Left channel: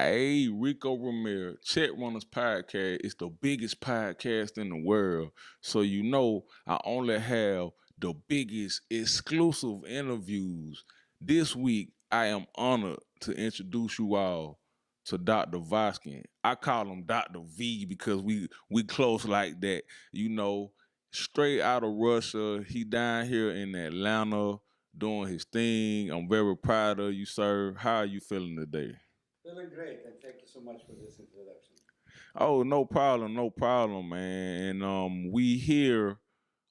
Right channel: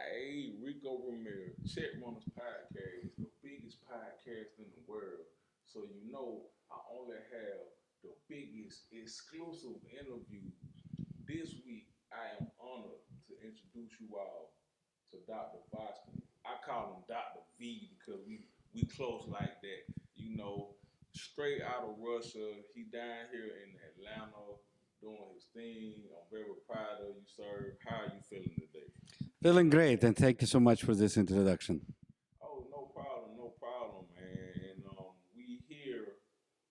Hey, Rico Ramirez, Check Runners Podcast is the biggest podcast in the world. So you know I only have the biggest exclusive interviews. This week I am honored to introduce you all to Dr. Voskin. I call him Dr. V because we close like that. You know, straight out of Russia. He down here in Atlanta doing his thing. I'm very proud of you, sir. How are you feeling today? Feeling great, and thank you so much for this introduction. Oh, no problem, man. And we here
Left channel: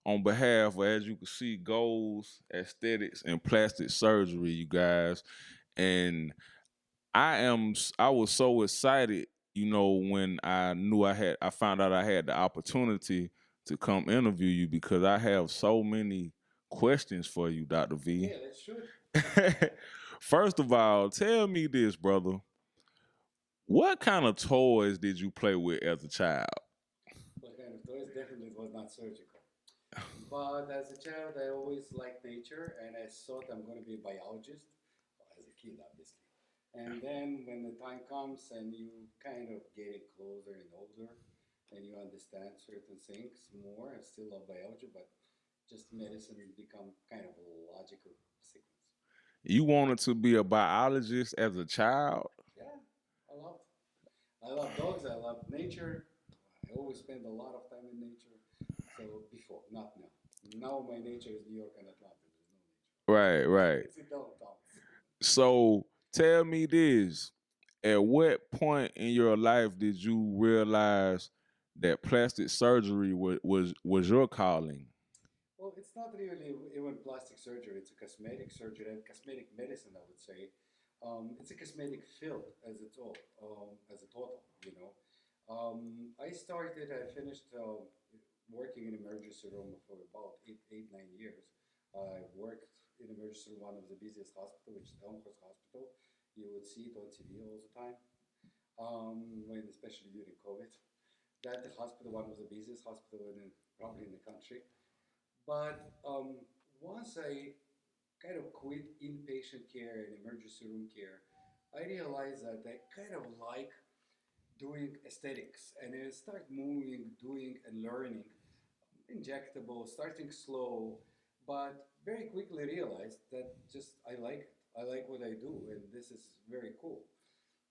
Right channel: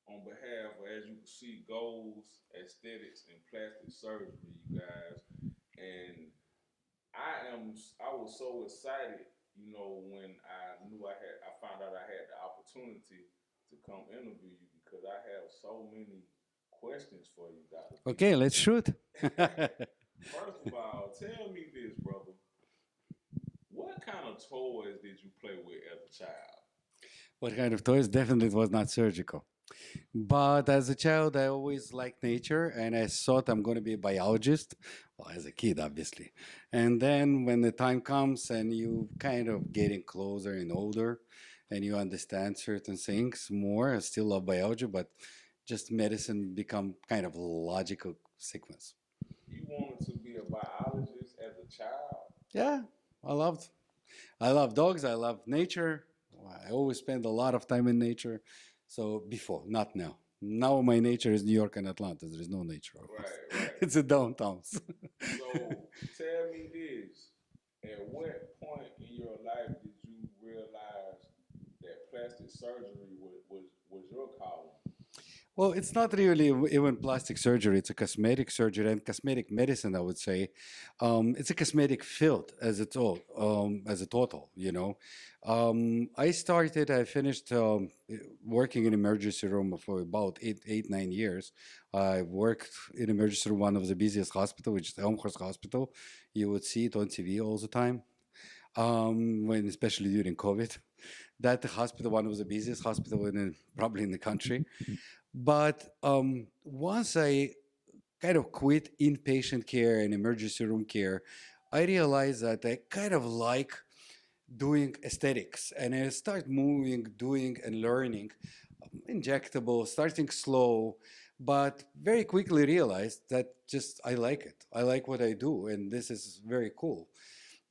on behalf of, as you can see, goals, aesthetics, and plastic surgery, you guys. And I was so excited, when I found out I had the opportunity to come interview you because I have so many questions for you, Dr. V. Okay, let's shoot. First of all, tell me this, brother. What kind of toys did you play with as a child? What kind of toys? Definitely it was not surgical. But as a child, I always liked nature, and I thought I'm going to be a biologist. Well, as a kid, obviously. And then when the time comes and you kind of getting closer and older, and you understand certain things more, I still love biology, but just medicine become kind of a logical sequence. You wanted to be a biologist as a child? Yeah, I loved I love dogs. I love nature. I always spend a lot of time in nature. So before, not now. Now my nature is New York and Atlanta. There is no nature over Right, here. right. It's the downtowns. So tell me this. At what point in your life did you realize that plastic surgery was your calling? Well, it's not really even plastic surgery. It's a cosmetic surgery and cosmetic medicine, I would say. It's a cosmetic field as a total, you know. I finished working in emergency room for about 9 years. I worked in emergency room, one of the busiest hospital, which is Elmhurst Hospital. You would see it on TV all the time, when especially during COVID. That hospital, one of the busiest hospital probably in the country. But once I kind of quit inpatient care and emergency room care, I realized that I kind of like doing aesthetics, and I start moving, doing, and learning injectable, starting slow, but very quickly realized that just I like it. I like what I do, and this is very cool.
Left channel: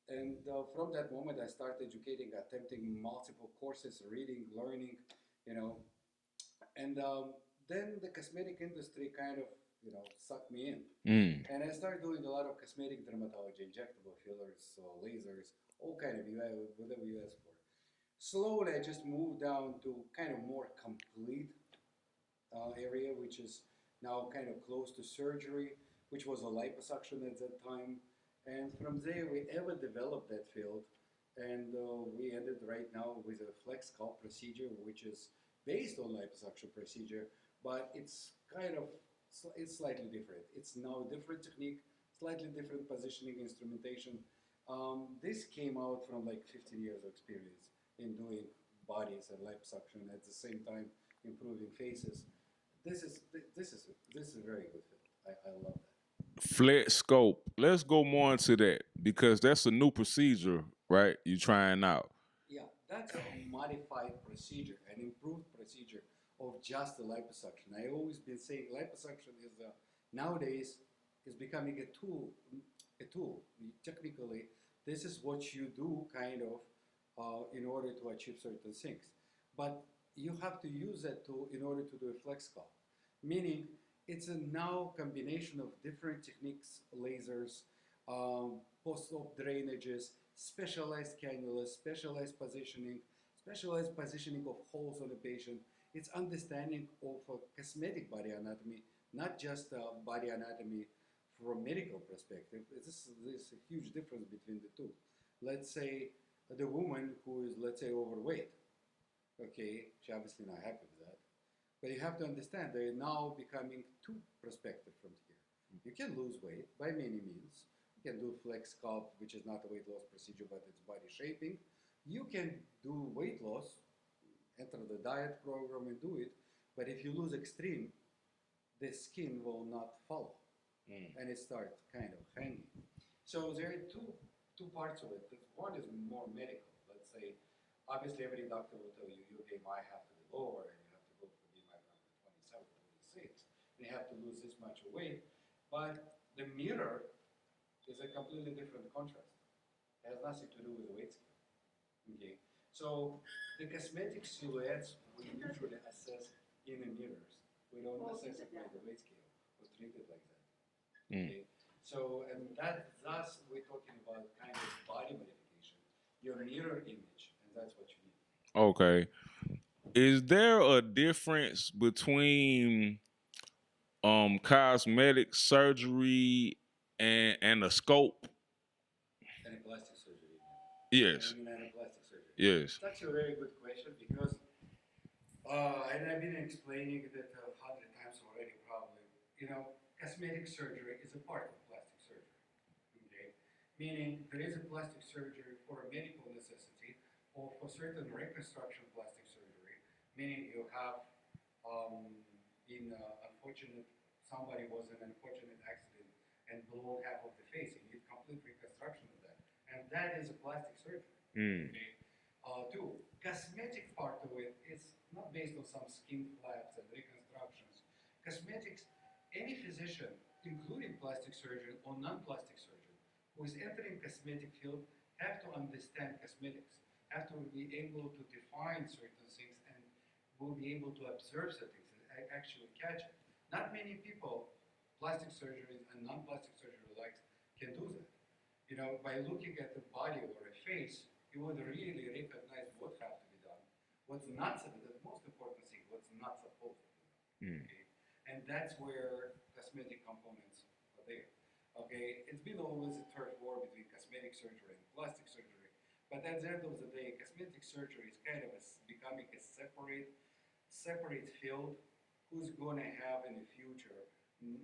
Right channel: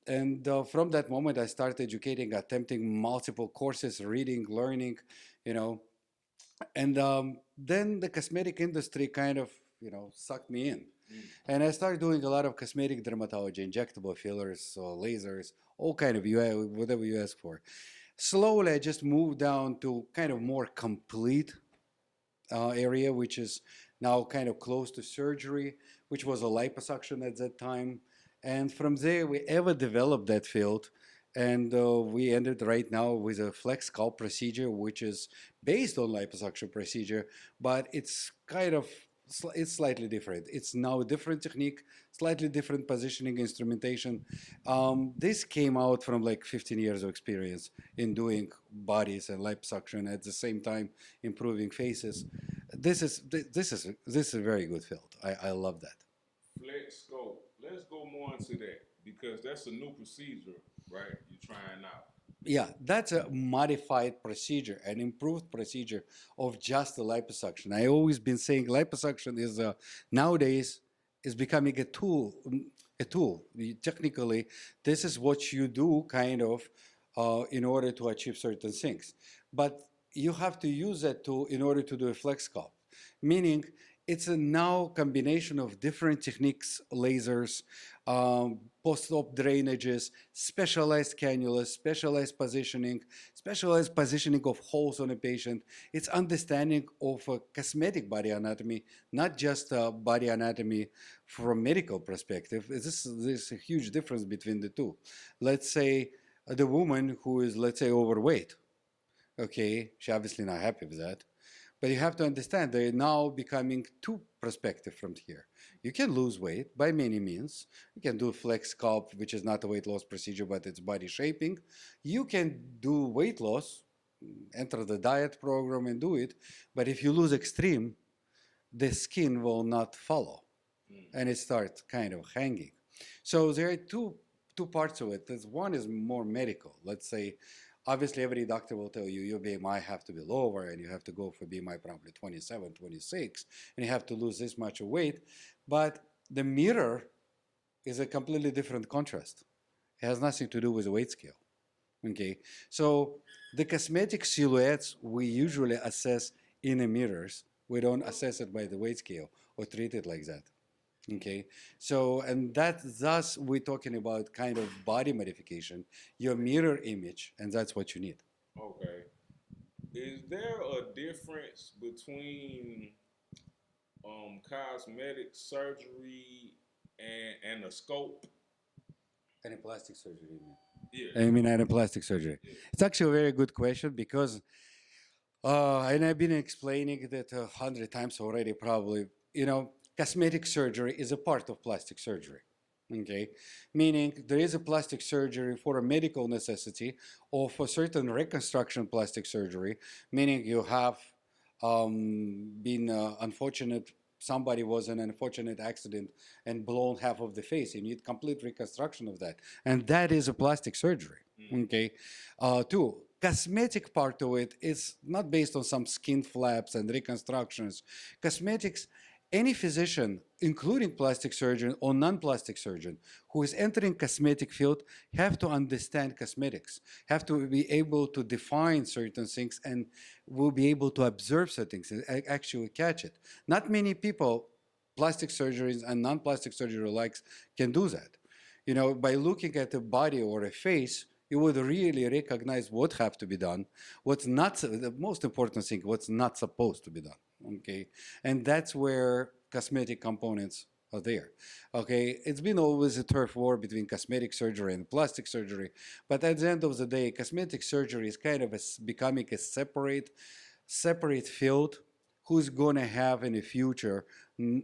And from that moment, I started educating, attempting multiple courses, reading, learning, you know, and then the cosmetic industry kind of, sucked me in. Mm. And I started doing a lot of cosmetic dermatology, injectable fillers, lasers, all kind of whatever you ask for. Slowly, I just moved down to kind of more complete area, which is now kind of close to surgery, which was a liposuction at that time. And from there, we ever developed that field. And we ended right now with a flex scalp procedure, which is based on liposuction procedure, but it's kind of it's slightly different. It's now a different technique, slightly different positioning instrumentation. This came out from like 15 years of experience in doing bodies and liposuction at the same time improving faces. This is a very good field. I love that. Flex scope. Let's go more into that because that's a new procedure, right? You trying out. Yeah, that's a modified procedure, an improved procedure of just the liposuction. I always been saying liposuction is nowadays is becoming a tool. A tool. Technically, this is what you do, kind of, in order to achieve certain things. But you have to use that tool in order to do a flex scalp, meaning it's a now combination of different techniques, lasers, post-op drainages, specialized cannulas, specialized positioning of holes on a patient. It's understanding of a cosmetic body anatomy, not just body anatomy from a medical perspective. There's a huge difference between the two. Let's say the woman who is, let's say, overweight. Okay, she obviously not happy with that. But you have to understand they're now becoming two perspective from here. You can lose weight by many means. You can do flex sculpt, which is not a weight loss procedure, but it's body shaping. You can do weight loss, enter the diet program and do it. But if you lose extreme, the skin will not follow and it starts kind of hanging. So there are two parts of it. There's one is more medical. Let's say, obviously, every doctor will tell you your BMI have to be lower and you have to go for BMI probably 27, 26, and you have to lose this much of weight. But the mirror is a completely different contrast. It has nothing to do with the weight scale. Okay, so the cosmetic silhouettes we usually assess in the mirrors. We don't assess it by the weight scale or treat it like that. Mm. Okay, so and that thus we're talking about kind of body modification, your mirror image, and that's what you need. Okay. Is there a difference between cosmetic surgery and a scope? Any plastic surgery, you mean? I Yes. mean, any plastic surgery. Yes. It's actually a very good question because, and I've been explaining that 100 times already, probably. Cosmetic surgery is a part of plastic surgery. Okay, meaning there is a plastic surgery for a medical necessity or for certain reconstruction plastic surgery, meaning you have been unfortunate. Somebody was in an unfortunate accident and blown half of the face. You need complete reconstruction of that, and that is a plastic surgery. Mm. Okay, two cosmetic part of it is not based on some skin flaps and reconstructions. Cosmetics, any physician, including plastic surgeon or non-plastic surgeon, who is entering cosmetic field have to understand cosmetics, have to be able to define certain things, and will be able to observe certain things and actually catch it. Not many people, plastic surgeries and non-plastic surgery likes, can do that. By looking at a body or a face, you would really recognize what have to be done, what's not, the most important thing, what's not supposed to be done. Mm. Okay, and that's where cosmetic components are there. Okay, it's been always a turf war between cosmetic surgery and plastic surgery, but at the end of the day, cosmetic surgery is kind of becoming a separate field. Who's going to have in the future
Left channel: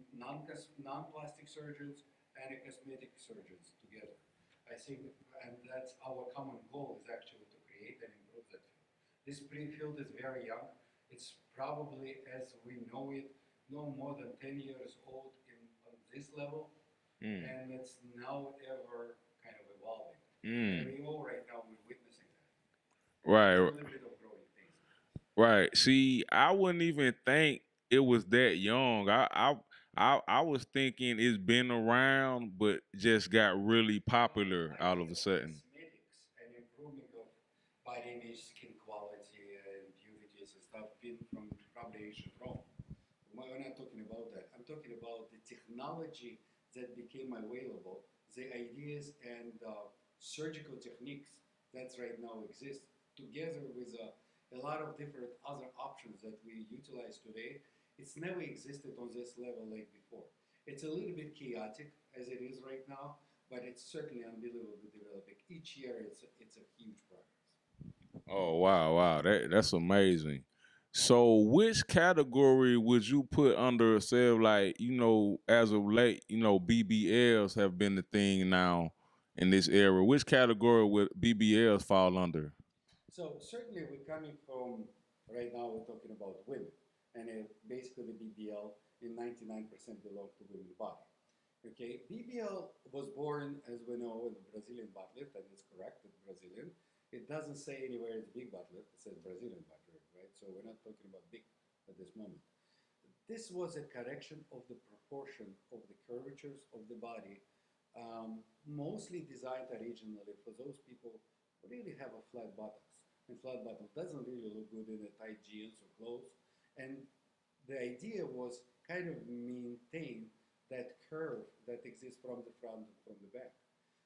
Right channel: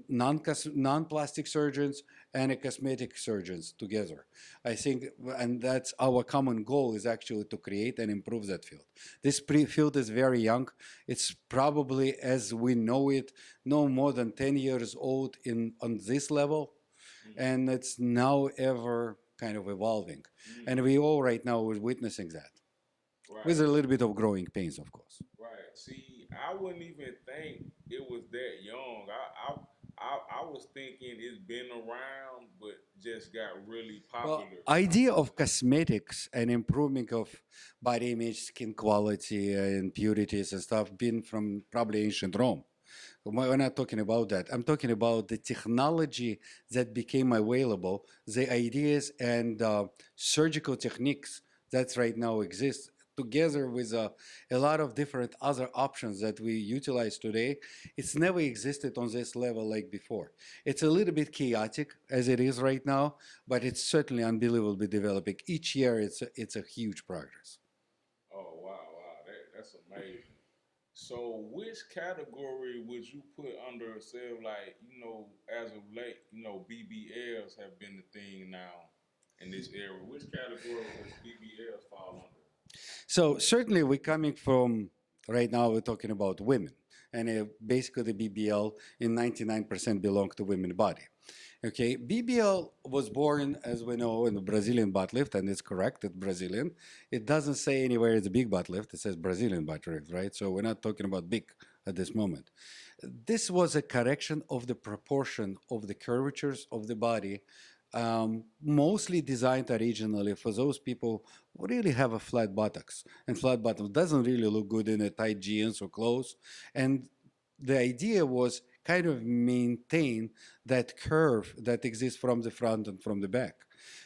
non-plastic surgeons and a cosmetic surgeons together? I think, and that's our common goal, is actually to create and improve that field. This field is very young. It's probably, as we know it, no more than 10 years old on this level, Mm. and it's now ever kind of evolving. And Mm. we all right now are witnessing that. Right. With a little bit of growing pains, of course. Right. See, I wouldn't even think it was that young. I was thinking it's been around, but just got really Well, popular out of idea a of sudden. cosmetics and improvement of body image, skin quality, and purities and stuff been from probably ancient Rome. We're not talking about that. I'm talking about the technology that became available, the ideas and surgical techniques that right now exist, together with a lot of different other options that we utilize today. It's never existed on this level like before. It's a little bit chaotic as it is right now, but it's certainly unbelievably developing. Each year, it's a huge progress. Oh wow, wow, that's amazing. So, which category would you put under yourself? Like, as of late, BBLs have been the thing now in this era. Which category would BBLs fall under? So certainly we're coming from, right now we're talking about women. And basically the BBL in 99% belong to women body. Okay, BBL was born, as we know, in the Brazilian butt lift, and it's correct, it's Brazilian. It doesn't say anywhere it's a big butt lift, it says Brazilian butt lift, right? So we're not talking about big at this moment. This was a correction of the proportion of the curvatures of the body, mostly designed originally for those people who really have a flat buttocks. And flat buttocks doesn't really look good in a tight jeans or clothes. And the idea was kind of maintain that curve that exists from the front and from the back.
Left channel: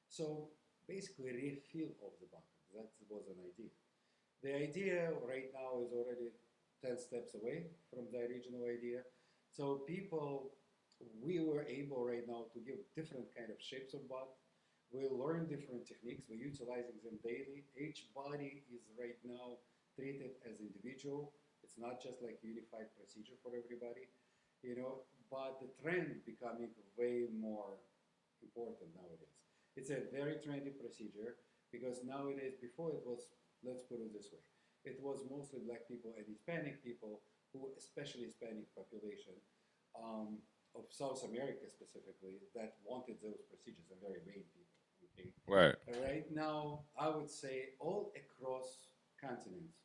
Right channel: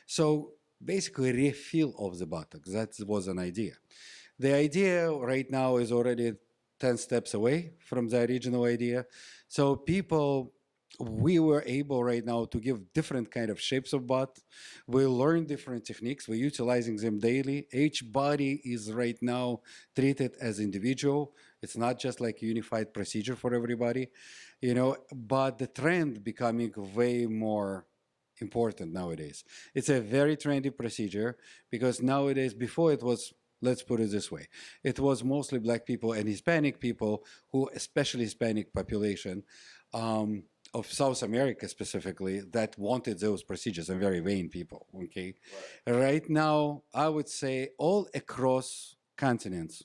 So basically refill of the buttocks. That was an idea. The idea right now is already 10 steps away from the original idea. So people, we were able right now to give different kind of shapes of butt. We learn different techniques. We're utilizing them daily. Each body is right now treated as individual. It's not just like a unified procedure for everybody, but the trend becoming way more important nowadays. It's a very trendy procedure because nowadays, before it was, let's put it this way, it was mostly black people and Hispanic people who, especially Hispanic population, of South America specifically that wanted those procedures and very vain people. Okay, Right. right now I would say all across continents,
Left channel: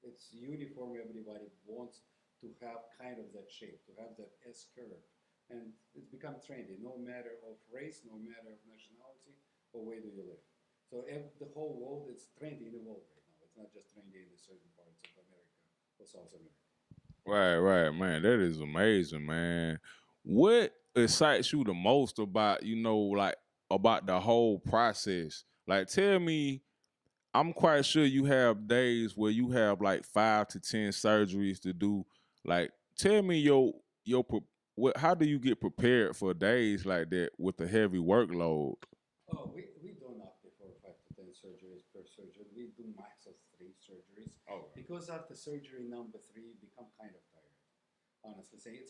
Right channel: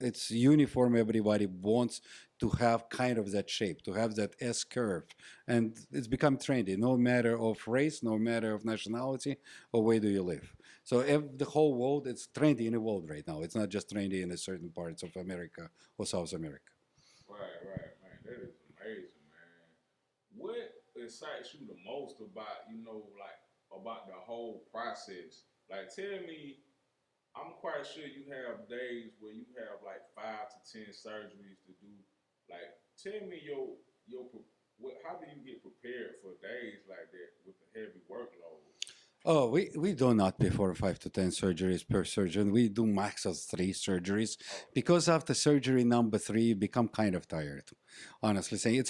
it's uniform. Everybody wants to have kind of that shape, to have that S curve, and it's become trendy. No matter of race, no matter of nationality, or where do you live. So the whole world, it's trendy in the world right now. It's not just trendy in a certain parts of America or South America. Right, right, man. That is amazing, man. What excites you the most about, like about the whole process? Like, tell me, I'm quite sure you have days where you have like 5 to 10 surgeries to do. Like, tell me how do you get prepared for days like that with the heavy workload? Oh, we do not perform 5 to 10 surgeries per surgeon. We do max of 3 surgeries because after surgery number three, you become kind of tired. Honestly saying,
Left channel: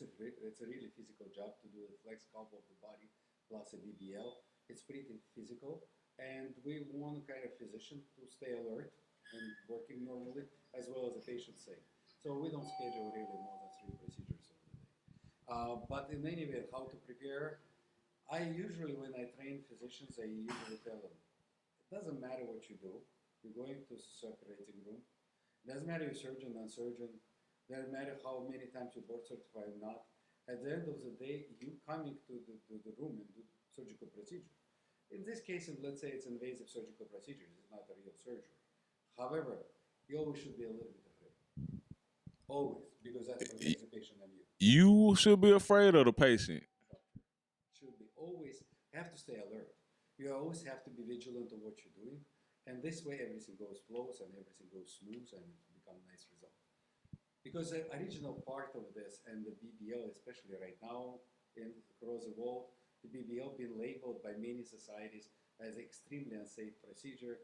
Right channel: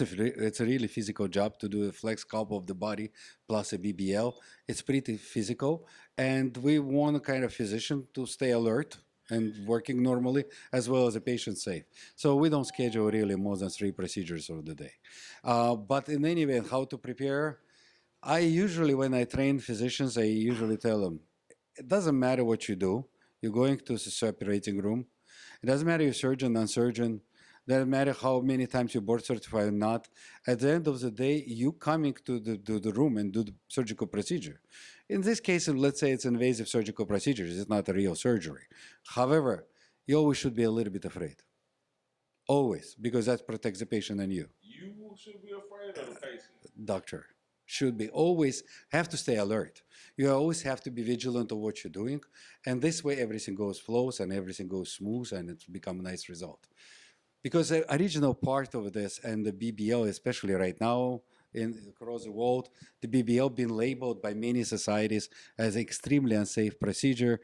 it's a really physical job to do a flex sculpt of the body plus a BBL. It's pretty physical, and we want a kind of physician to stay alert and working normally as well as a patient safe. So we don't schedule really more than 3 procedures of the day. But in any event, how to prepare? I usually, when I train physicians, I usually tell them, it doesn't matter what you do. You're going to the operating room. It doesn't matter you're surgeon, non-surgeon. Doesn't matter how many times you're board certified or not. At the end of the day, you coming to the room and do the surgical procedure. In this case, let's say it's invasive surgical procedures. It's not a real surgery. However, you always should be a little bit afraid. Always, because that Y- protects the patient and you. You should be afraid of the patient. Doctor should be always have to stay alert. You always have to be vigilant of what you're doing, and this way everything goes flows and everything goes smooth, and it's become a nice result. Because the original part of this and the BBL, especially right now in across the world, the BBL been labeled by many societies as extremely unsafe procedure.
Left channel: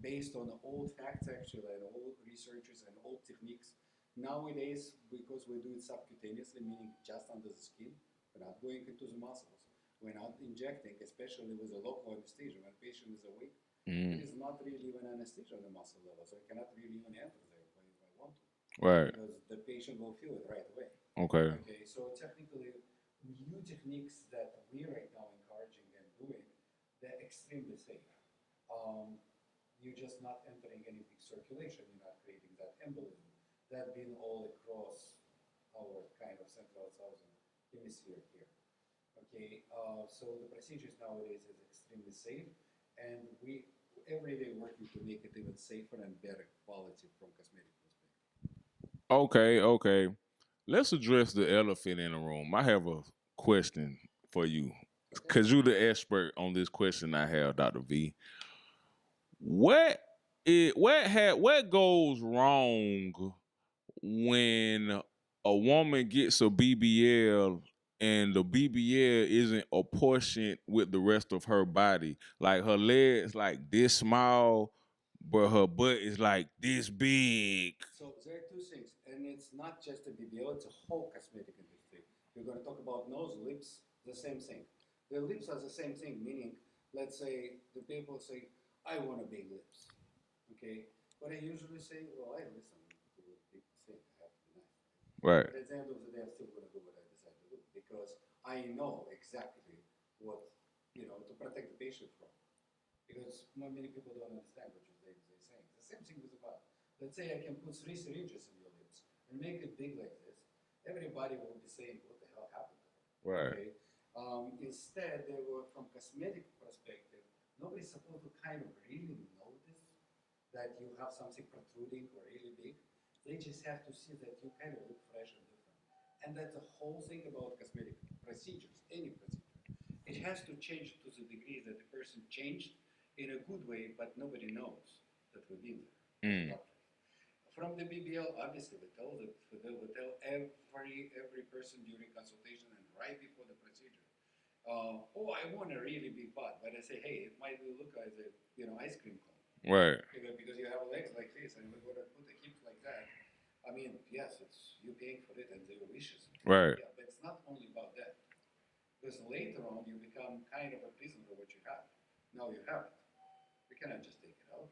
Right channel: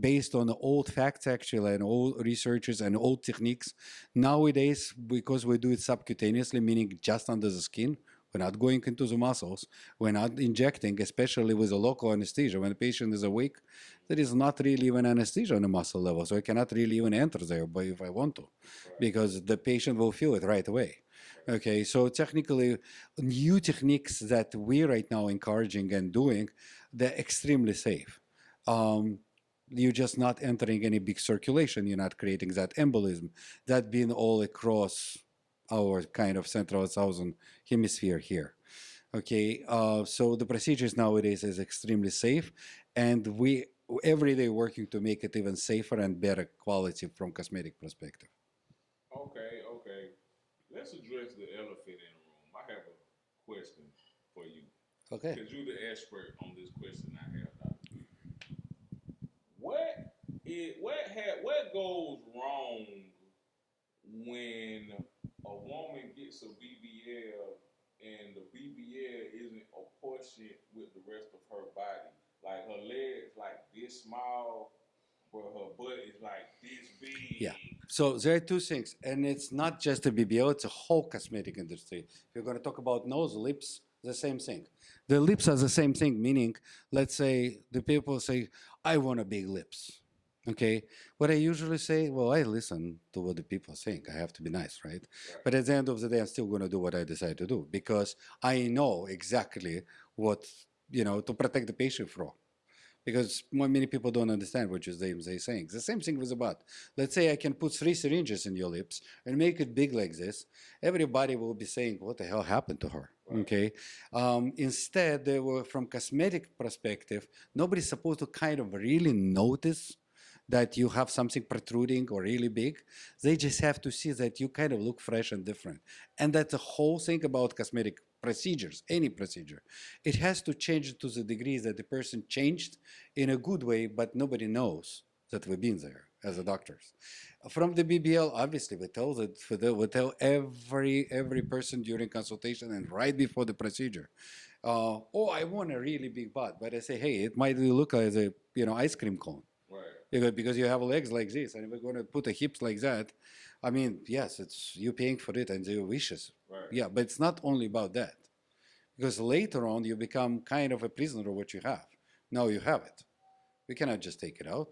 Based on old facts actually and old researchers and old techniques. Nowadays, because we do it subcutaneously, meaning just under the skin, we're not going into the muscles, we're not injecting, especially with a local anesthesia. When the patient is awake, there Mm, is not really even anesthesia on the muscle level, so I cannot really even enter there, but if I want to, right. because the patient will feel it right away. Okay. Okay, so technically, new techniques that we right now encouraging and doing, they're extremely safe. Um, you're just not entering any big circulation. You're not creating that embolism. That being all across our kind of central southern hemisphere here. Okay, so the procedures nowadays is extremely safe, and we every day working to make it even safer and better quality from cosmetic perspective. Okay, okay. Let's address the elephant in the room. I have a question for you. Okay. Cause you're the expert on this question I have, Dr. V. What goes wrong when a woman gets a BBL and the BBL isn't apportioned with the rest of her body? Like her legs like this small, but her butt is like this Yeah. big. So there are two things, and it's not just a BBL; it's a whole cosmetic industry. If you're going to talk about nose, lips, the same thing. The lips are the same thing. Meaning, let's say the people say, "I want a big lips." Okay. What I usually say, well, I listen to what the people think. I have to be nice, right? Right. But at the end of the day, I'm still going to do what I decide to do because I know exactly what to protect the patient from because many people don't understand what they're saying. The same thing with the butt. Let's say I can put 3 syringes in your lips and make it big like this. Everybody will be saying, "What the hell happened to her?" Right. Okay. Instead, they were from cosmetic perspective. Nobody's supposed to kind of really notice that you have something protruding or really big. They just have to see that you kind of look fresh and different. And that's the whole thing about cosmetic procedures, any procedure. It has to change to the degree that the person changed in a good way, but nobody knows that we've been there as a Mm. doctors. From the BBL, obviously, we tell every person during consultation and right before the procedure. Oh, I want a really big butt, but I say, hey, it might look like a ice cream cone Right. because you have legs like this, and we're going to put the hips like that. I mean, yes, it's you paying for it and your wishes. Right. Yeah, but it's not only about that because later on you become kind of a prisoner of what you have. Now you have it. We cannot just take it out,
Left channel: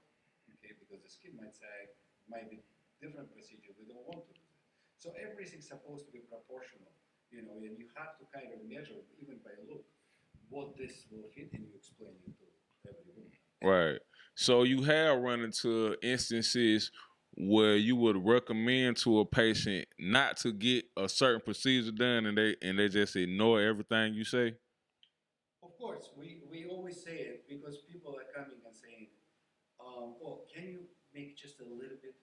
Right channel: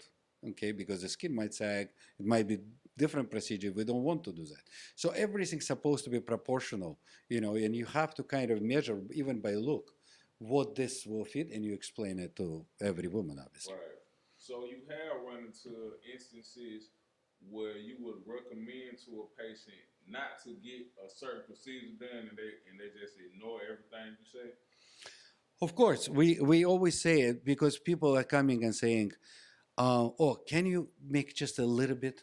okay? Because the skin might sag, it might be different procedure if we don't want to do that. So everything's supposed to be proportional, and you have to kind of measure even by look what this will fit, and you explain it to every woman, obviously. Right. So you have run into instances where you would recommend to a patient not to get a certain procedure done, and they just ignore everything you say. Of course, we always say it because people are coming and saying, "Oh, can you make just a little bit?"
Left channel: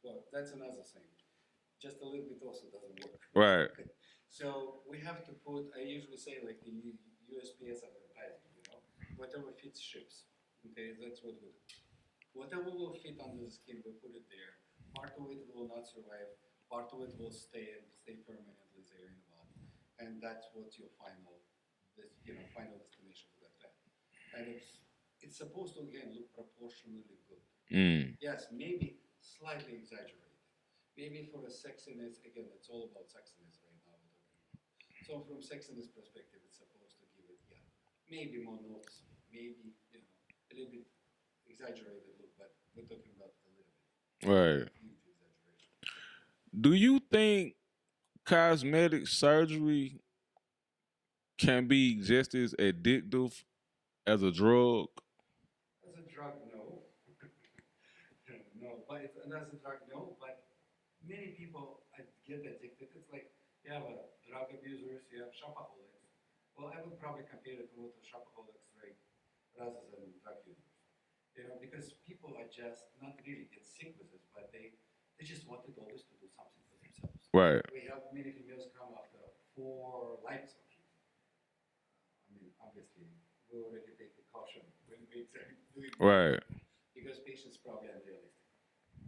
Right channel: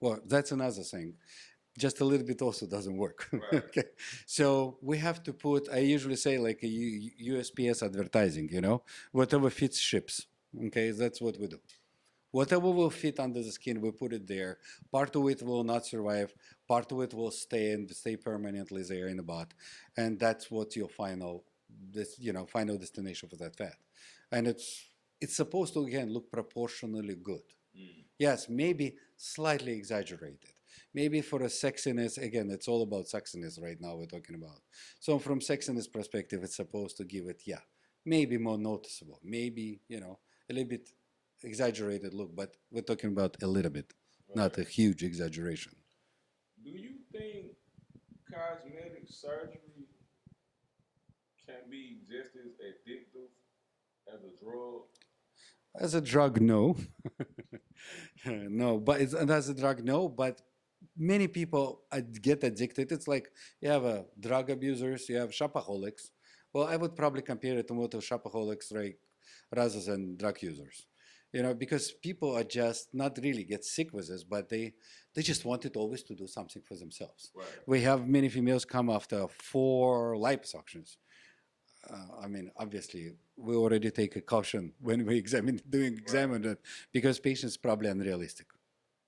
Well, that's another thing. Just a little bit also doesn't work. Right. Okay. So we have to put, I usually say like a USPS advertising, whatever fits ships. Okay, that's what we do. Whatever will fit under the skin, we put it there. Part of it will not survive. Part of it will stay and stay permanently there in the bot, and that's what your final destination for that fat. And it's supposed to again look proportionally good. Mm. Yes, maybe slightly exaggerated. Maybe for a sexiness, again, it's all about sexiness right now we're talking about. So from sexiness perspective, it's supposed to give it, yeah, maybe more noticeable, maybe, a little bit exaggerated look, but we're talking about a little bit, not a Right. huge exaggeration. Do you think cosmetic surgery can be just as addictive as a drug? As a drug, no. No, but as a drug, no, but many people get addicted. It's like you have drug abusers, you have shopaholics. Well, I would probably compare it more to shopaholics, right, rather than drug users. Because people are just not really get sick with this, but they just wanted always to do something for themselves. Right. We have many females come after 4 liposuctions. I mean, obviously, we already take a caution when we Right. examine it because patients probably unrealistic.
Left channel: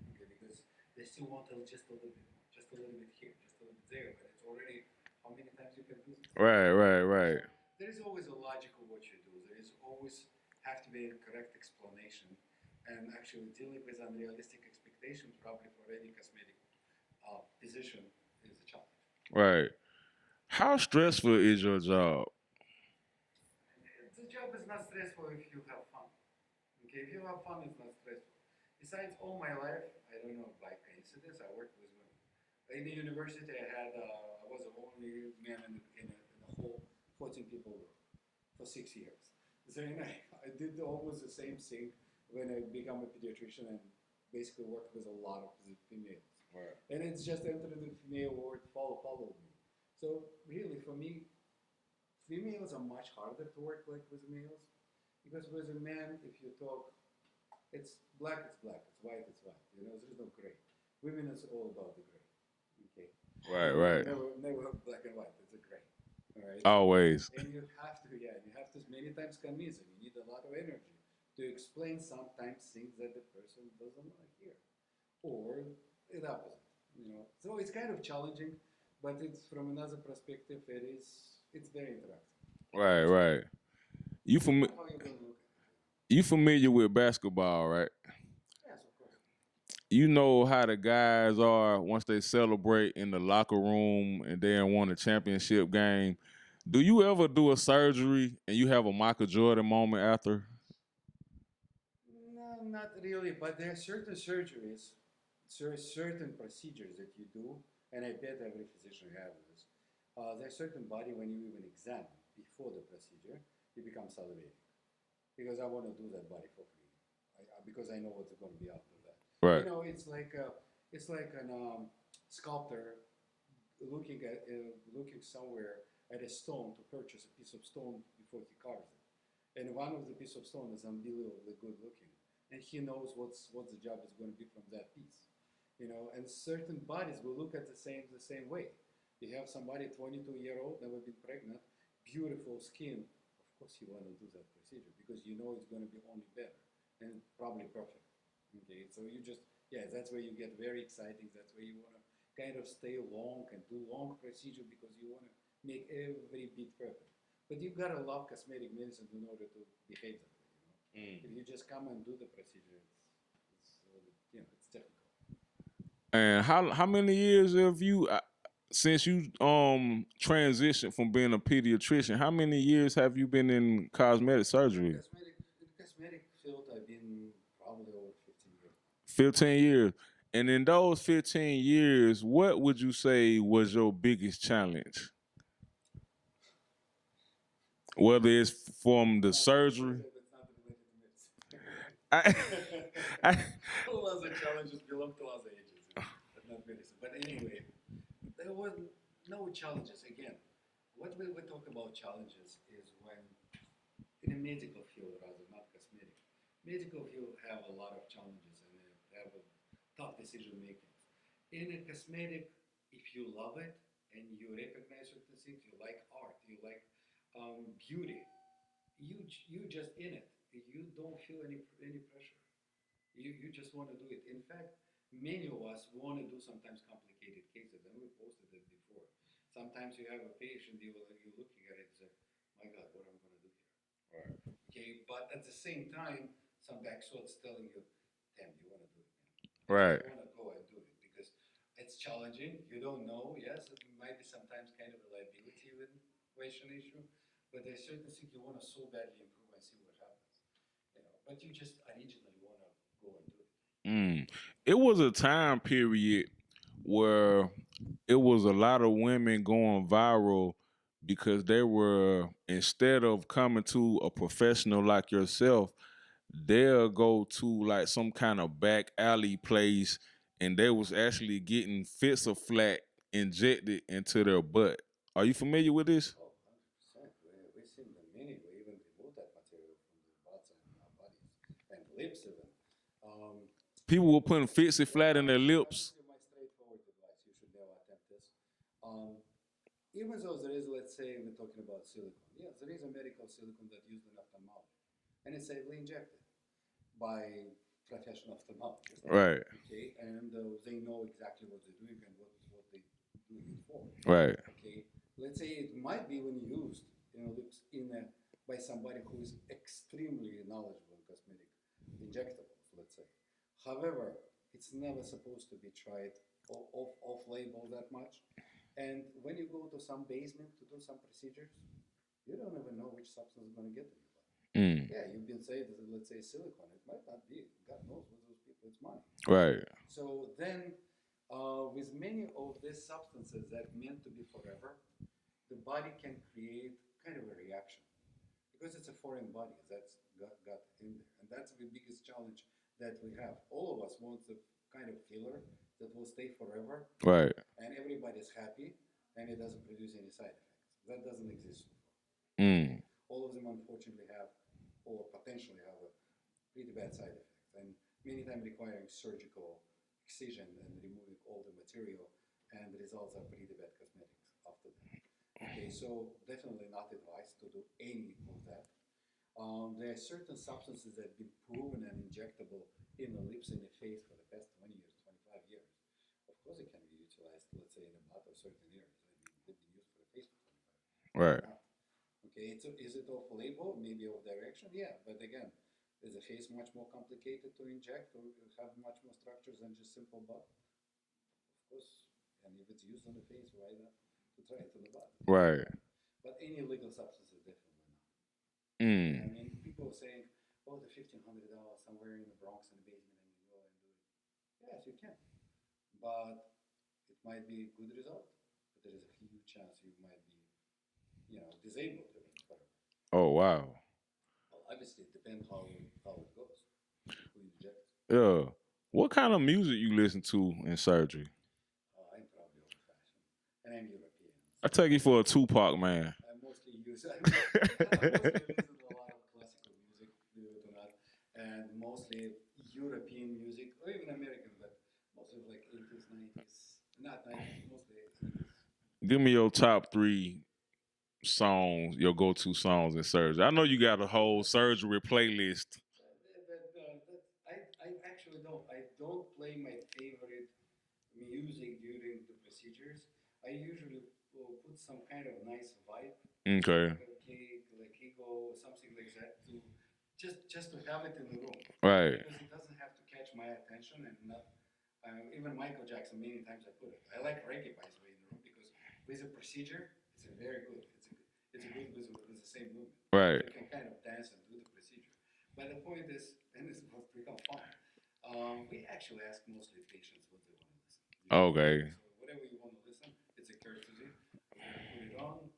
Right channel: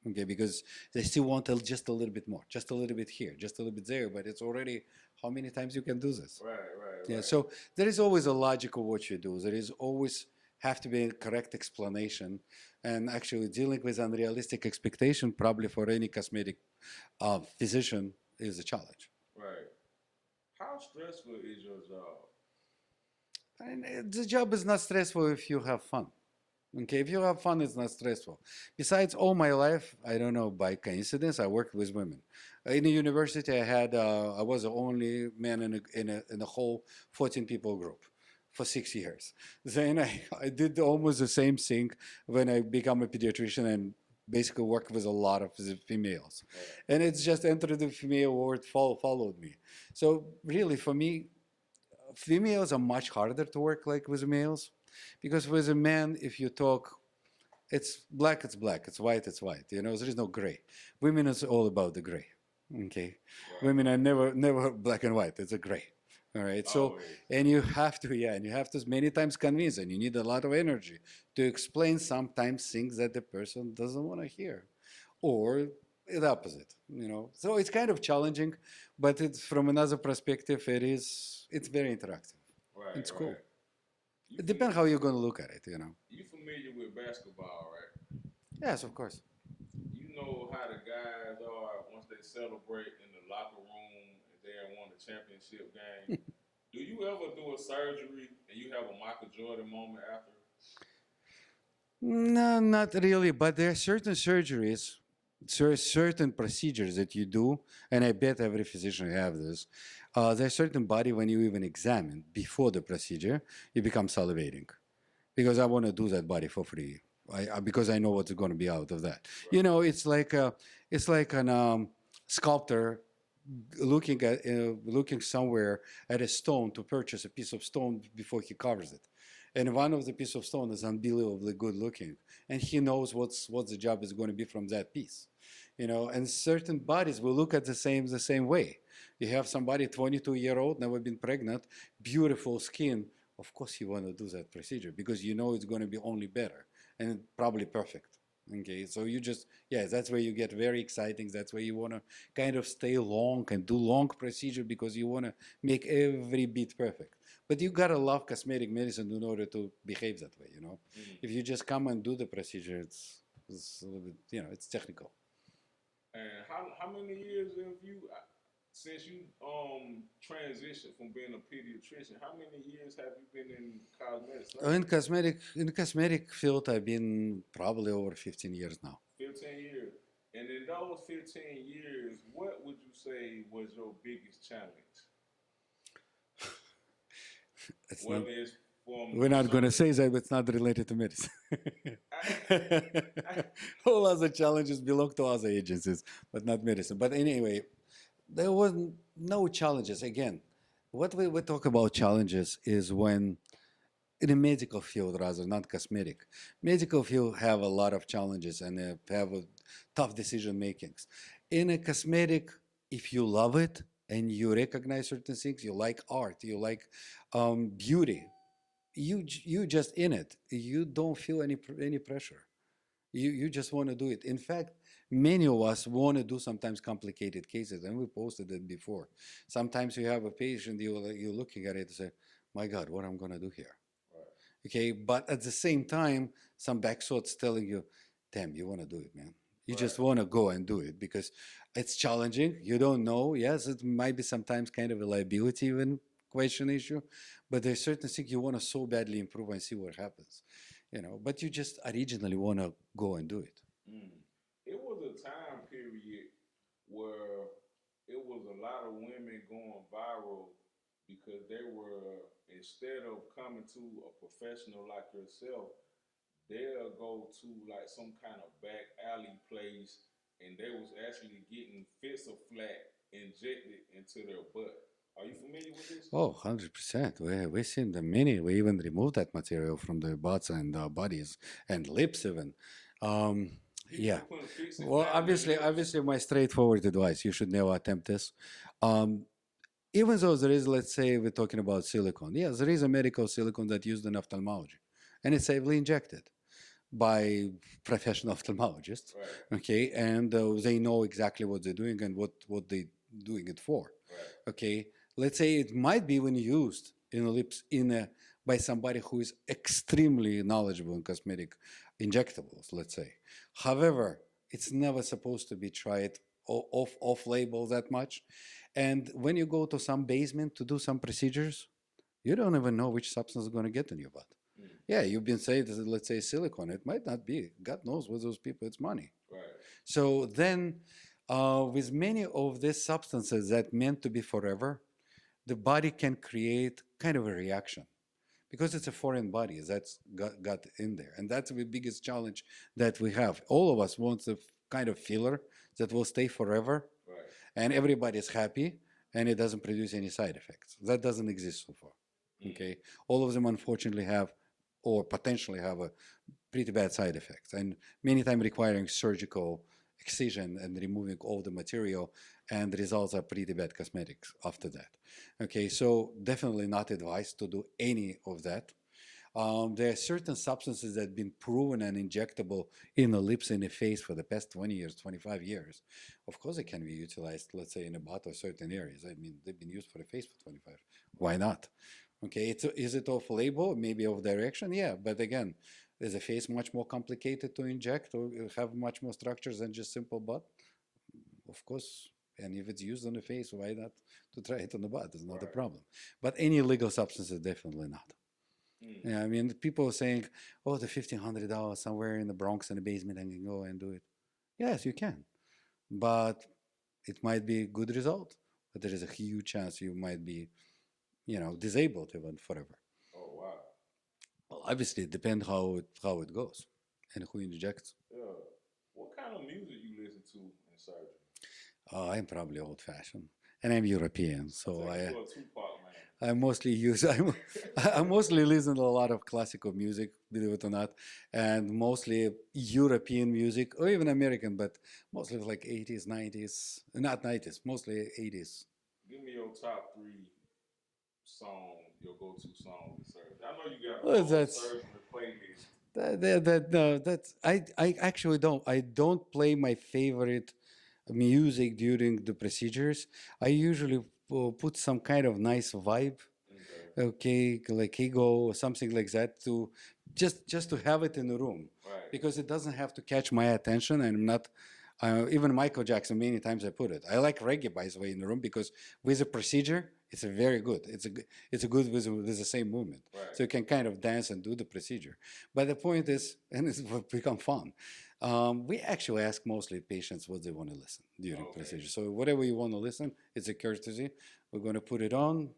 Okay, because they still want just a little bit more, just a little bit here, just a little bit there, but it's already how many times you can do this. Right. Right. Okay, Right. so there is always a logic of what you do. There is always have to be a correct explanation, and actually dealing with unrealistic expectation probably for any cosmetic physician is a challenge. Right. How stressful is your job? And the job is not stressful if you have fun. Okay, if you have fun, it's not stressful. Besides, all my life, I don't know, by coincidence, I worked with women. In the university, I was the only man in a whole 14 people group for 6 years. Then I did almost the same thing when I became a pediatrician and basically worked with a lot of the females. And it's just entered the female world, followed me. So really, for me, females are much harder to work like with males because with a man, if you talk, it's black, it's white. There is no gray. Women is all about the gray. Okay, Right. women are Right. never black and white. It's a gray. All right. So Always. and you have to and you have to many times convince, and you need a lot of energy to explain sometimes things that the person doesn't want to hear, or the opposite. So it's kind of challenging, but it's from another perspective. It's very interactive. Right. It's cool. Right. You It fami- depends how you're going to look at it. you familiar with basketball, right? Yes, of course. You know how the guys are once they celebrate in the locker room and they won a championship game. Do you ever do a surgery and you have a Michael Jordan moment after? No, not really. But there are certain surgeries, certain procedures that you do, and I bet every physician have this. There's certain body when you even examine before the procedure, you become salivating because I want to do that body for free. Because I know what's going to be out of that. Right. It's like an sculptor looking somewhere at a stone to purchase a piece of stone before he carves it. And one of the piece of stone is unbelievably good looking, and he knows what the job is going to be from that piece. And certain bodies will look at the same way. You have somebody 22-year-old, never been pregnant, beautiful skin. Of course, you want to do that procedure because you know it's going to be only better and probably perfect. Okay, so that's where you get very exciting. That's where you want to kind of stay long and do long procedure because you want to make every bit perfect. But you gotta love cosmetic medicine in order to behave that way. Mm. If you just come and do the procedure, it's a little bit, it's technical. And how many years have you since you transitioned from being a pediatrician? How many years have you been in cosmetic In surgery? cosmetic field, I've been probably over 15 years now. 15 years. And in those 15 years, what would you say was your biggest challenge? It's not. Whether it's from We're the not going to say surgery. that, but it's not related to medicine. I, I, All other challenges belong to other agencies, but not medicine. But anyway, there was no challenges. Again, what we talk about challenges is when in the medical field, rather not cosmetic. Medical field have a lot of challenges and have a tough decision makings. In a cosmetic, if you love it and you recognize certain things, you like art, you like beauty, you just in it. You don't feel any pressure. You just want to do it. In fact, many of us want to do sometimes complicated cases, and we posted it before. Sometimes you have a patient, you're looking at it and say, "My God, what I'm gonna do here?" Okay, but at the same time, some back thoughts telling you, "Damn, you want to do it, man. You just right, want to go and do it because it's challenging. You don't know. Yes, it might be sometimes kind of a liability even question issue, but there's certain things you want to so badly improve and see what happens, But you just originally want to go and do it. mm. It was a time period where it was a lot of women going viral because they were, instead of coming to a professional like yourself, they'll go to like some kind of back alley place and they was actually getting fits of flat injected into their butt. Are you familiar with this? Oh, 100%. We've seen the many. We even removed that material from the butts and bodies and lips even. Um, People yeah. were putting fits of Well, flat in their obviously, lips. obviously, my straightforward advice: you should never attempt this. Um, Even though there is, let's say, we're talking about silicone. Yes, there is a medical silicone that's used in ophthalmology, and it's safely injected by professional ophthalmologists. Right, Okay, and they know exactly what they're doing and what they doing it for. right, Okay, let's say it might be even used in the lips in a by somebody who is extremely knowledgeable in cosmetic injectables, let's say. However, it's never supposed to be tried off label that much. And when you go to some basement to do some procedures, you don't even know which substance is going to get in your butt. mm, Yeah, you've been saying, let's say, silicone. It might not be. God knows with those people, it's money. right, So then, with many of these substances that meant to be forever, the body can create kind of a reaction because it's a foreign body that's got in there. And that's the biggest challenge that we have. All of us want a kind of filler that will stay forever right. and everybody's happy and it doesn't produce any side effects. That doesn't exist so far. Okay. Mm, All of them unfortunately have or potentially have a pretty bad side effects and many times requiring surgical excision and removing all the material and the results are pretty bad cosmetics after that. Okay, so definitely not advised to do any of that. There are certain substances that have been proven and injectable in the lips and the face for the past 20 years, 25 years. Of course, it can be utilized, let's say, in a butt or certain areas. I mean, they've been used for the face for 25. Why right, not? Okay, is it off label? Maybe off direction? Yeah, but again, is the face much more complicated to inject or have much more structures than just simple butt? Of course. And if it's used on the face, why not to try it on the butt? It's not a right. problem. But any legal substance is definitely not. Yeah, I Mm. mean, people are saying, "Oh, the $1,500 somewhere in the Bronx in the basement, I can go and do it." Yes, you can, but it might be a good result, but there is a huge chance you might be, disabled even forever. Oh wow. Well, obviously, it depends how it goes and who injects. Yeah. What kind of music you listen to in surgery? I'm probably old-fashioned, and I'm European, I so take you for a Tupac man. I mostly use I mostly listen to a lot of classical music, believe it or not, and mostly European music or even American, but mostly like 80s, 90s, not 90s, mostly 80s. Give me your top three songs, your go-to songs in surgery. I know you got a Well, whole that's surgery playlist. no, that's I actually don't play my favorite music during the procedures. I usually put some kind of nice vibe, Okay. okay, like ego or something like that to just to have it in the room Right. because it doesn't have to catch my attention and I'm not even Michael Jackson many times I put it. I like reggae by the way in the room because with a procedure it's a very good. It's a good with the same movement. Right. So you can kind of dance and do the procedure. But the point is, and it's become fun. We actually ask mostly patients what they want to listen during Okay. procedure. So whatever you want to listen, it's a courtesy. We're going to put it on.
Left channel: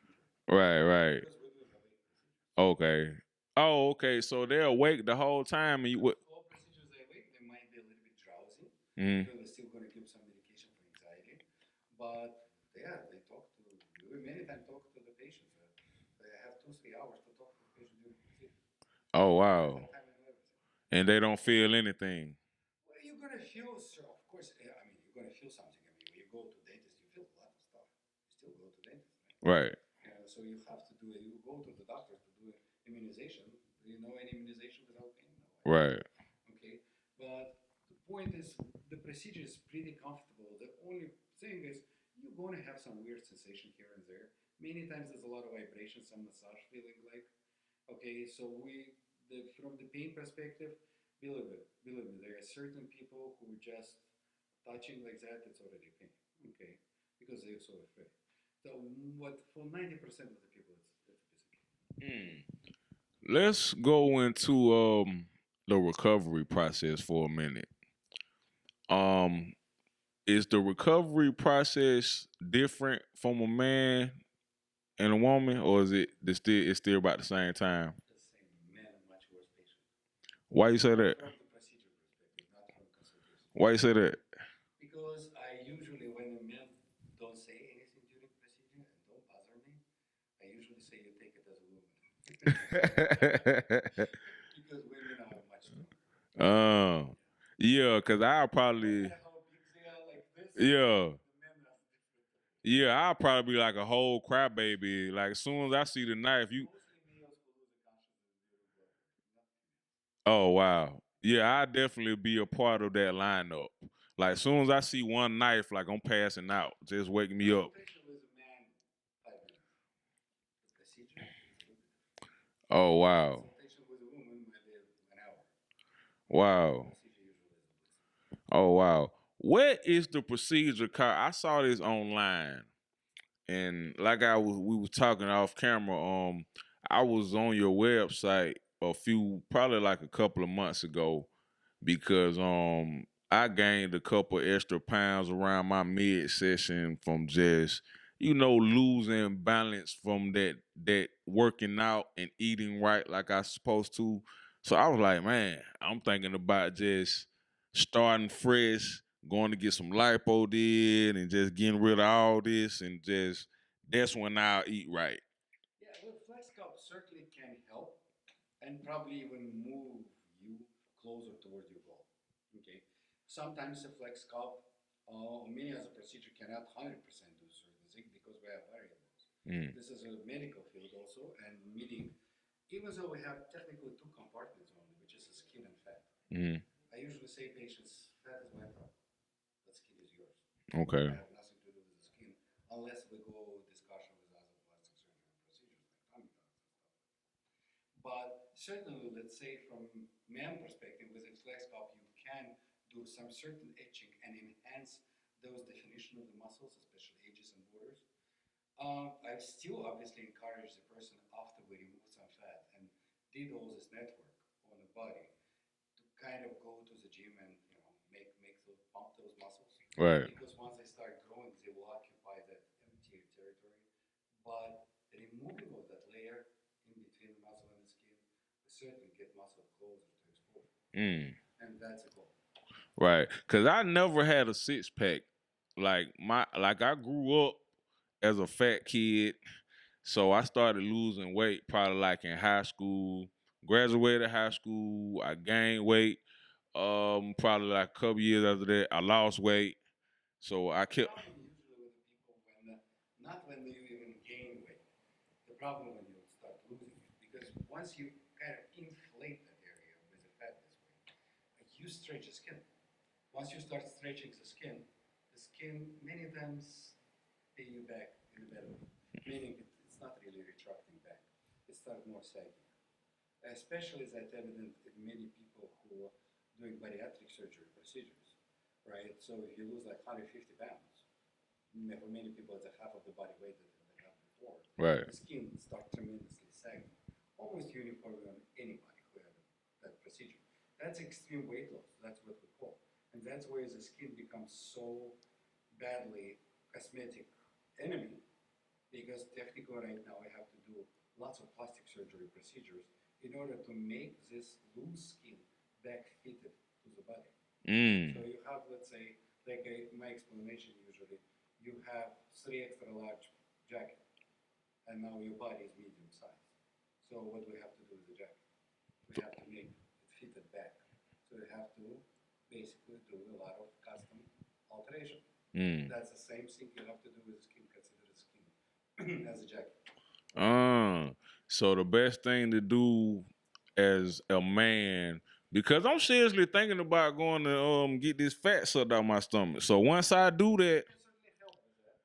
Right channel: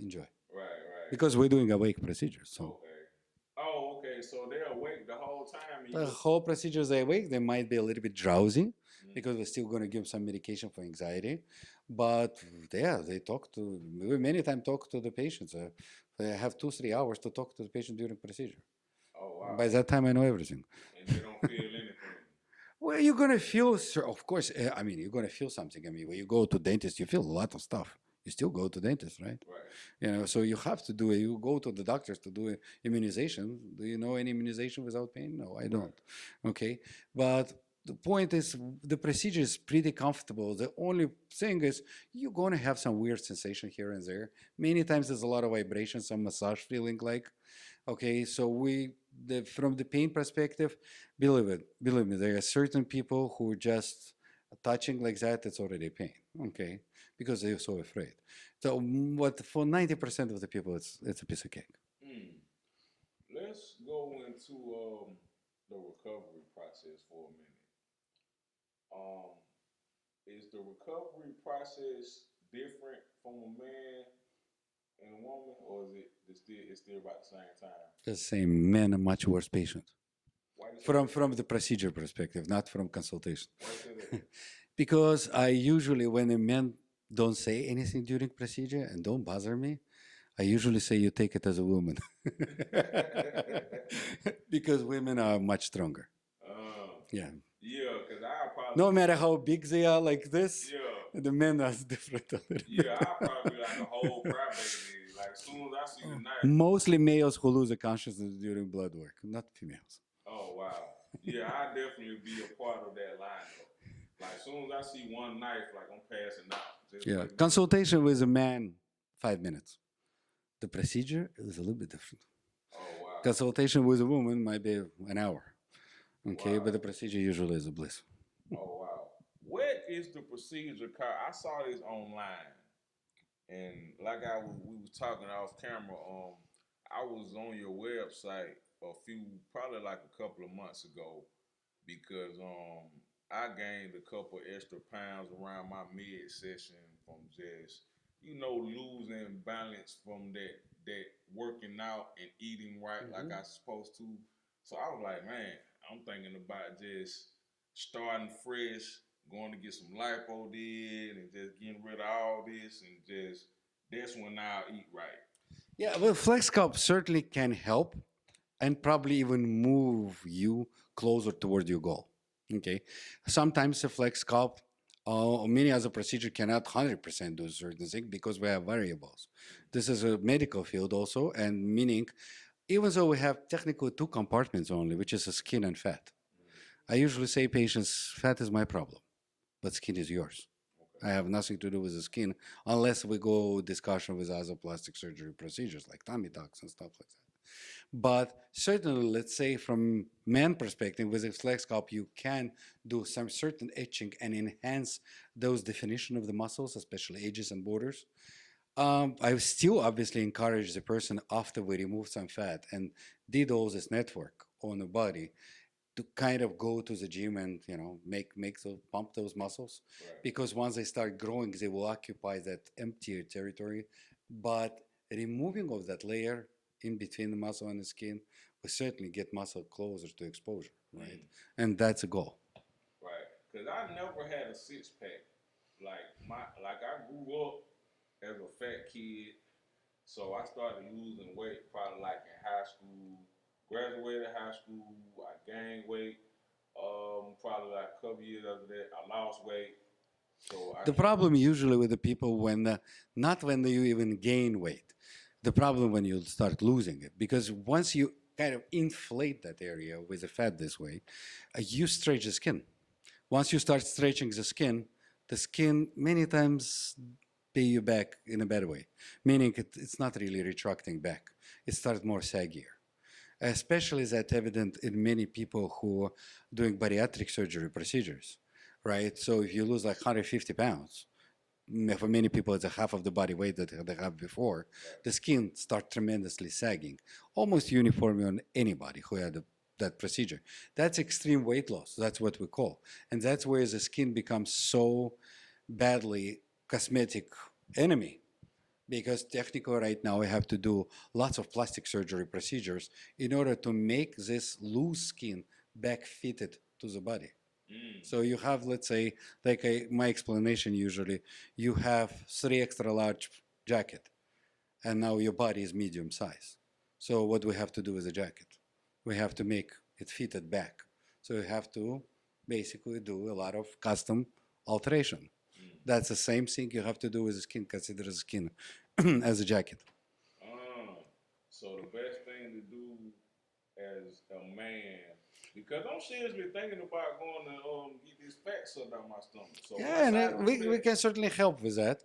Enjoy. Right, right. Because we're doing awake procedures. So Okay. Oh, okay. So they're awake the whole time, and you the would. whole procedures they awake, they might be a little bit drowsy Mm. because we're still going to give some medication for anxiety. But yeah, they talk to, we many times talk to the patients. They have 2, 3 hours to talk to the patient during procedure. Oh By wow. that time, I know everything. And they don't feel anything. Well, you're gonna feel, of course. I mean, you're gonna feel something. I mean, when you go to dentist, you feel a lot of stuff. You still go to dentist, right? Right. You know, so you have to do it. You go to the doctors to do immunization. Do you know any immunization without pain? No, I don't. Right. Okay, but the point is, the procedure is pretty comfortable. The only thing is, you're gonna have some weird sensation here and there. Many times there's a lot of vibration, some massage feeling like. Okay, so from the pain perspective, believe me, there are certain people who just touching like that, it's already pain. Okay, because they're so afraid. So, what for 90% of the people, it's a piece of cake. Mm. Let's go into the recovery process for a minute. Um, is the recovery process different from a man and a woman, or is it still about the same time? The same men are much worse patients Why you say from that? the procedure perspective, not from consultation. Why you say that? Because I usually, when a man don't say anything during procedure and don't bother me, I usually say you take it as a woman. Because women are much stronger. um, Yeah. yeah, cause I No probably matter how big they are like this, yeah. the men are different. A little Yeah, I'll probably be like a whole crybaby. Like as soon as I see the knife, you. Mostly males who lose the consciousness during blood work, not females. Oh wow. Yeah, I definitely be a part of that lineup. Like as soon as I see one knife, like I'm passing out. Just Yeah. wake me up. Consultation with a man, 5 minutes. The procedure is a little bit different. Oh wow. Consultation with a woman might be an hour. Okay, but the Wow. procedure usually is a bliss. Oh wow. What is the procedure called? I saw this online, and like we was talking off camera. I was on your website probably like a couple of months ago, because I gained a couple extra pounds around my mid session from just losing balance from that working out and eating right like I supposed to. So I was like, man, I'm thinking about just starting fresh, going to get some lipo did, and just getting rid of all this, and just that's when I'll eat right. Yeah, well, FlexCup certainly can help and probably even move you closer toward your goal. Okay. Sometimes a FlexCup or many other procedure cannot 100% do certain things because we have variables. Mm, This is a medical field also, and meaning even though we have technically two compartments only, which is the skin and fat, mm, I usually say patients, fat is my problem, but skin is yours. I okay. have nothing to do with the skin unless we go discussion with other plastic surgery procedures like tummy tucks and stuff like that. But certainly, let's say from man perspective, with a flex cup, you can do some certain etching and enhance those definition of the muscles, especially edges and borders. I still obviously encourage the person after we remove some fat and did all this network on the body to kind of go to the gym and make those pump those muscles, Right. because once they start growing they will occupy that emptier territory, but removing of that layer in between the muscle and the skin will certainly get muscle closer to exposure, right? Mm. And that's a goal. Right. Cause I never had a six pack. Like I grew up as a fat kid. So I started losing weight probably like in high school. Graduated high school, I gained weight. Probably like a couple years after that, I lost weight. So I The kept. problem usually with the people when not when you even gain weight, the problem when you start losing it, because once you kind of inflate that area with the fat this way, you stretch the skin. Once you start stretching the skin many times pay you back in a bad way, meaning it's not really retracting back. It starts more saggier. Especially that evident in many people who are doing bariatric surgery procedures, right? So if you lose like 150 pounds, for many people it's a half of the body weight that they have before, Right. the skin starts tremendously sagging, almost uniformly on anybody who had a that procedure. That's extreme weight loss. That's what we call, and that's where the skin becomes so badly cosmetic enemy, because technically right now we have to do lots of plastic surgery procedures in order to make this loose skin back fitted to the body. Mm. So you have, let's say, like my explanation usually, you have three extra large jacket, and now your body is medium size. So what we have to do with the jacket? We have to make it fitted back. So you have to basically do a lot of custom alteration. Mm. That's the same thing you have to do with the skin. Consider the skin as a jacket. Uh, so the best thing to do as a man, because I'm seriously thinking about going to get this fat sucked out my stomach. So Yeah, once and I do we that, can certainly help with that.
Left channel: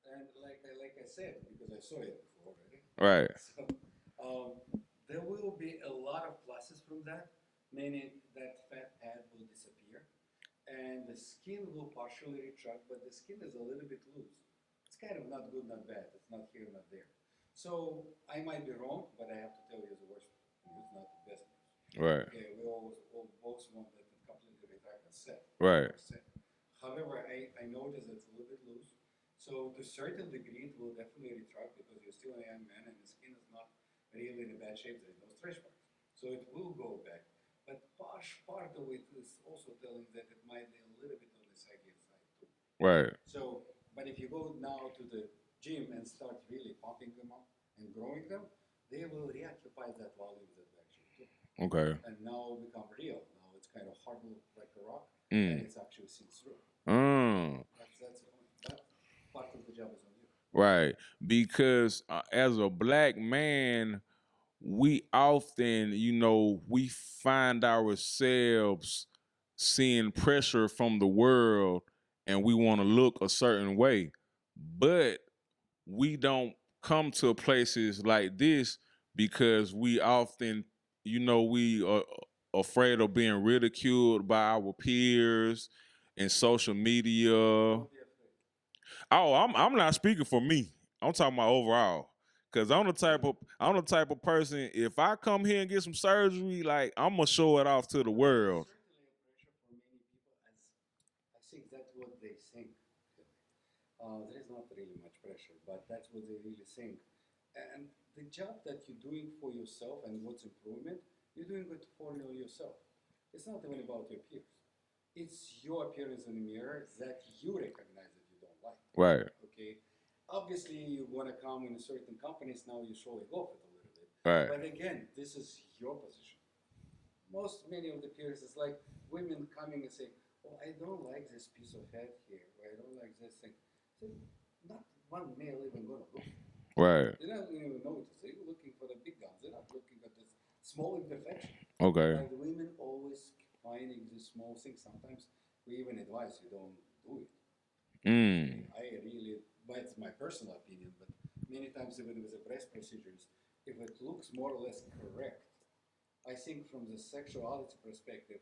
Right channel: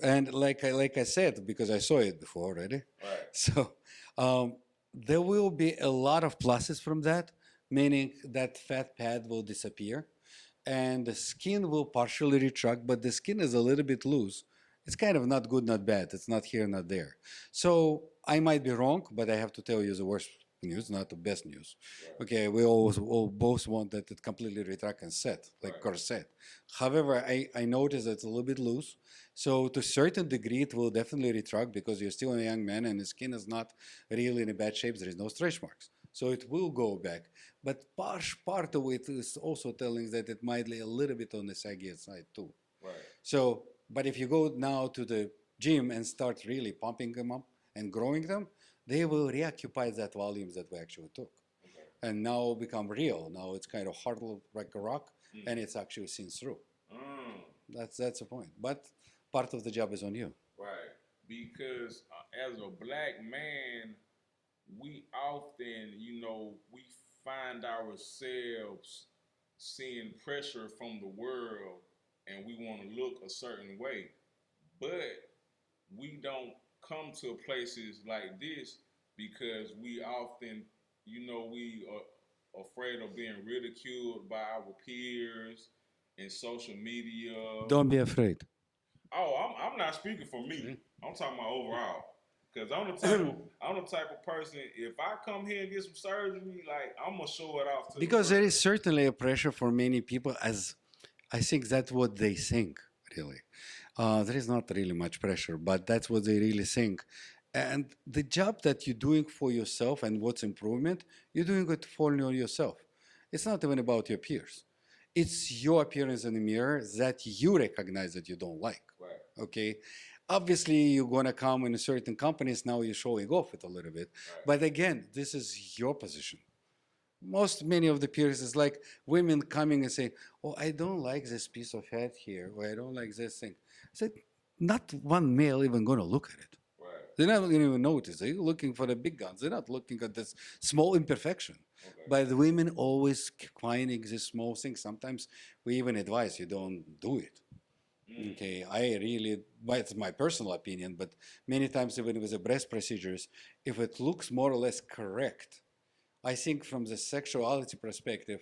And like I said, because I saw it before already, right? so um, there will be a lot of pluses from that, meaning that fat pad will disappear, and the skin will partially retract, but the skin is a little bit loose. It's kind of not good, not bad. It's not here, not there. So I might be wrong, but I have to tell you the worst news, not the best news. Right. Okay, we always all both want that it completely retract and set, like Right. corset. However, I noticed that it's a little bit loose. So to a certain degree, it will definitely retract because you're still a young man and the skin is not really in a bad shape. There is no stretch marks. So it will go back. But part of it is also telling that it might lay a little bit on the saggy side too. Right. So, but if you go now to the gym and start really pumping them up and growing them, they will reoccupy that volumes that we actually took. Okay. And now become real. Now it's kind of hard like a rock, and Mm. it's actually seen through. Mm. That's the point. But part of the job is on you. Right. Because as a black man, we often, we find ourselves seeing pressure from the world and we want to look a certain way. But we don't come to places like this because we often, we are afraid of being ridiculed by our peers in social media. Don't be afraid. Oh, I'm not speaking for me. I'm talking about overall. Cause I'm the type of person. If I come here and get some surgery, like I'm gonna show it off to the Because there is world. certainly a pressure for many people, as I think that's what they think, really. There is not really much pressure, but that's what they really think. And the job that you're doing for yourself and what's improvement, you're doing it for yourself. It's not even about your peers. It's your appearance in the mirror that you recognize that you don't like. Right. Okay. Obviously, you're going to come in certain companies, now you're showing off it a little bit. Right. But again, this is your position. Many of the peers is like women coming and saying, "Oh, I don't like this piece of head here, or I don't like this thing." I said, "Not one male even going to look at it. Right. They're not going to even notice. They're looking for the big guns. They're not looking at this small imperfection." Okay. But the women always finding this small thing. Sometimes we even advise you don't do it. Mm. Okay, I really, but it's my personal opinion, but many times even with the breast procedures, if it looks more or less correct, I think from the sexuality perspective,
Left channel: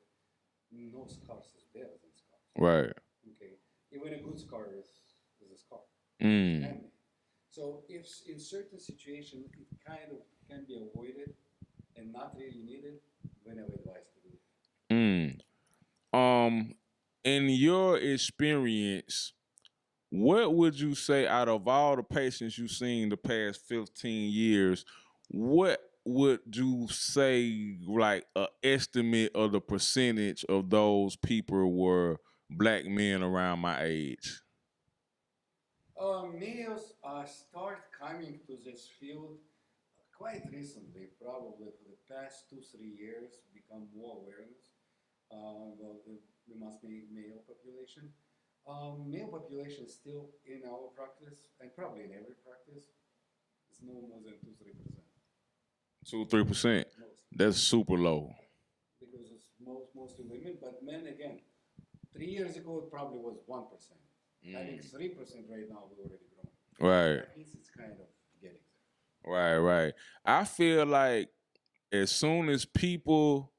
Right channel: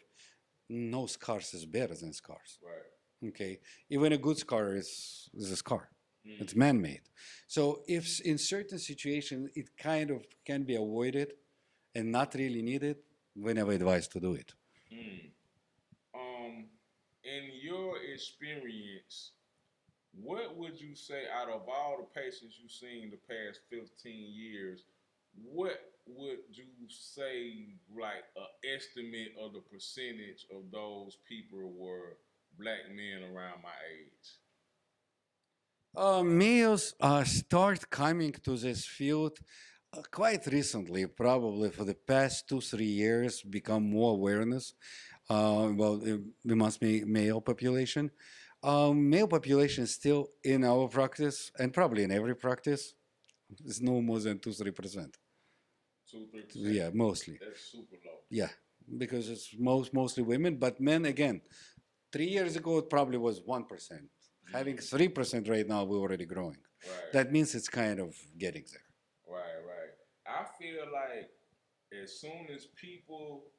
no scars is better than scars. Right. Okay, even a good scar is a scar. It's Mm. man-made. So if in certain situations it kind of can be avoided and not really needed, we never advise to do it. Mm. Um, in your experience, what would you say out of all the patients you've seen the past 15 years, what would you say like a estimate of the percentage of those people were black men around my age? Males start coming to this field quite recently, probably for the past 2, 3 years, become more awareness about the male population. Male population is still in our practice and probably in every practice is no more than 2, 3%. 2 3%. Yeah, mostly. That's super low. Yeah, because it's mostly women, but men again. 3 years ago, it probably was 1%. Having 3% right now, we're already growing. Right. That means it's kind of getting there. Right, right. I feel like as soon as people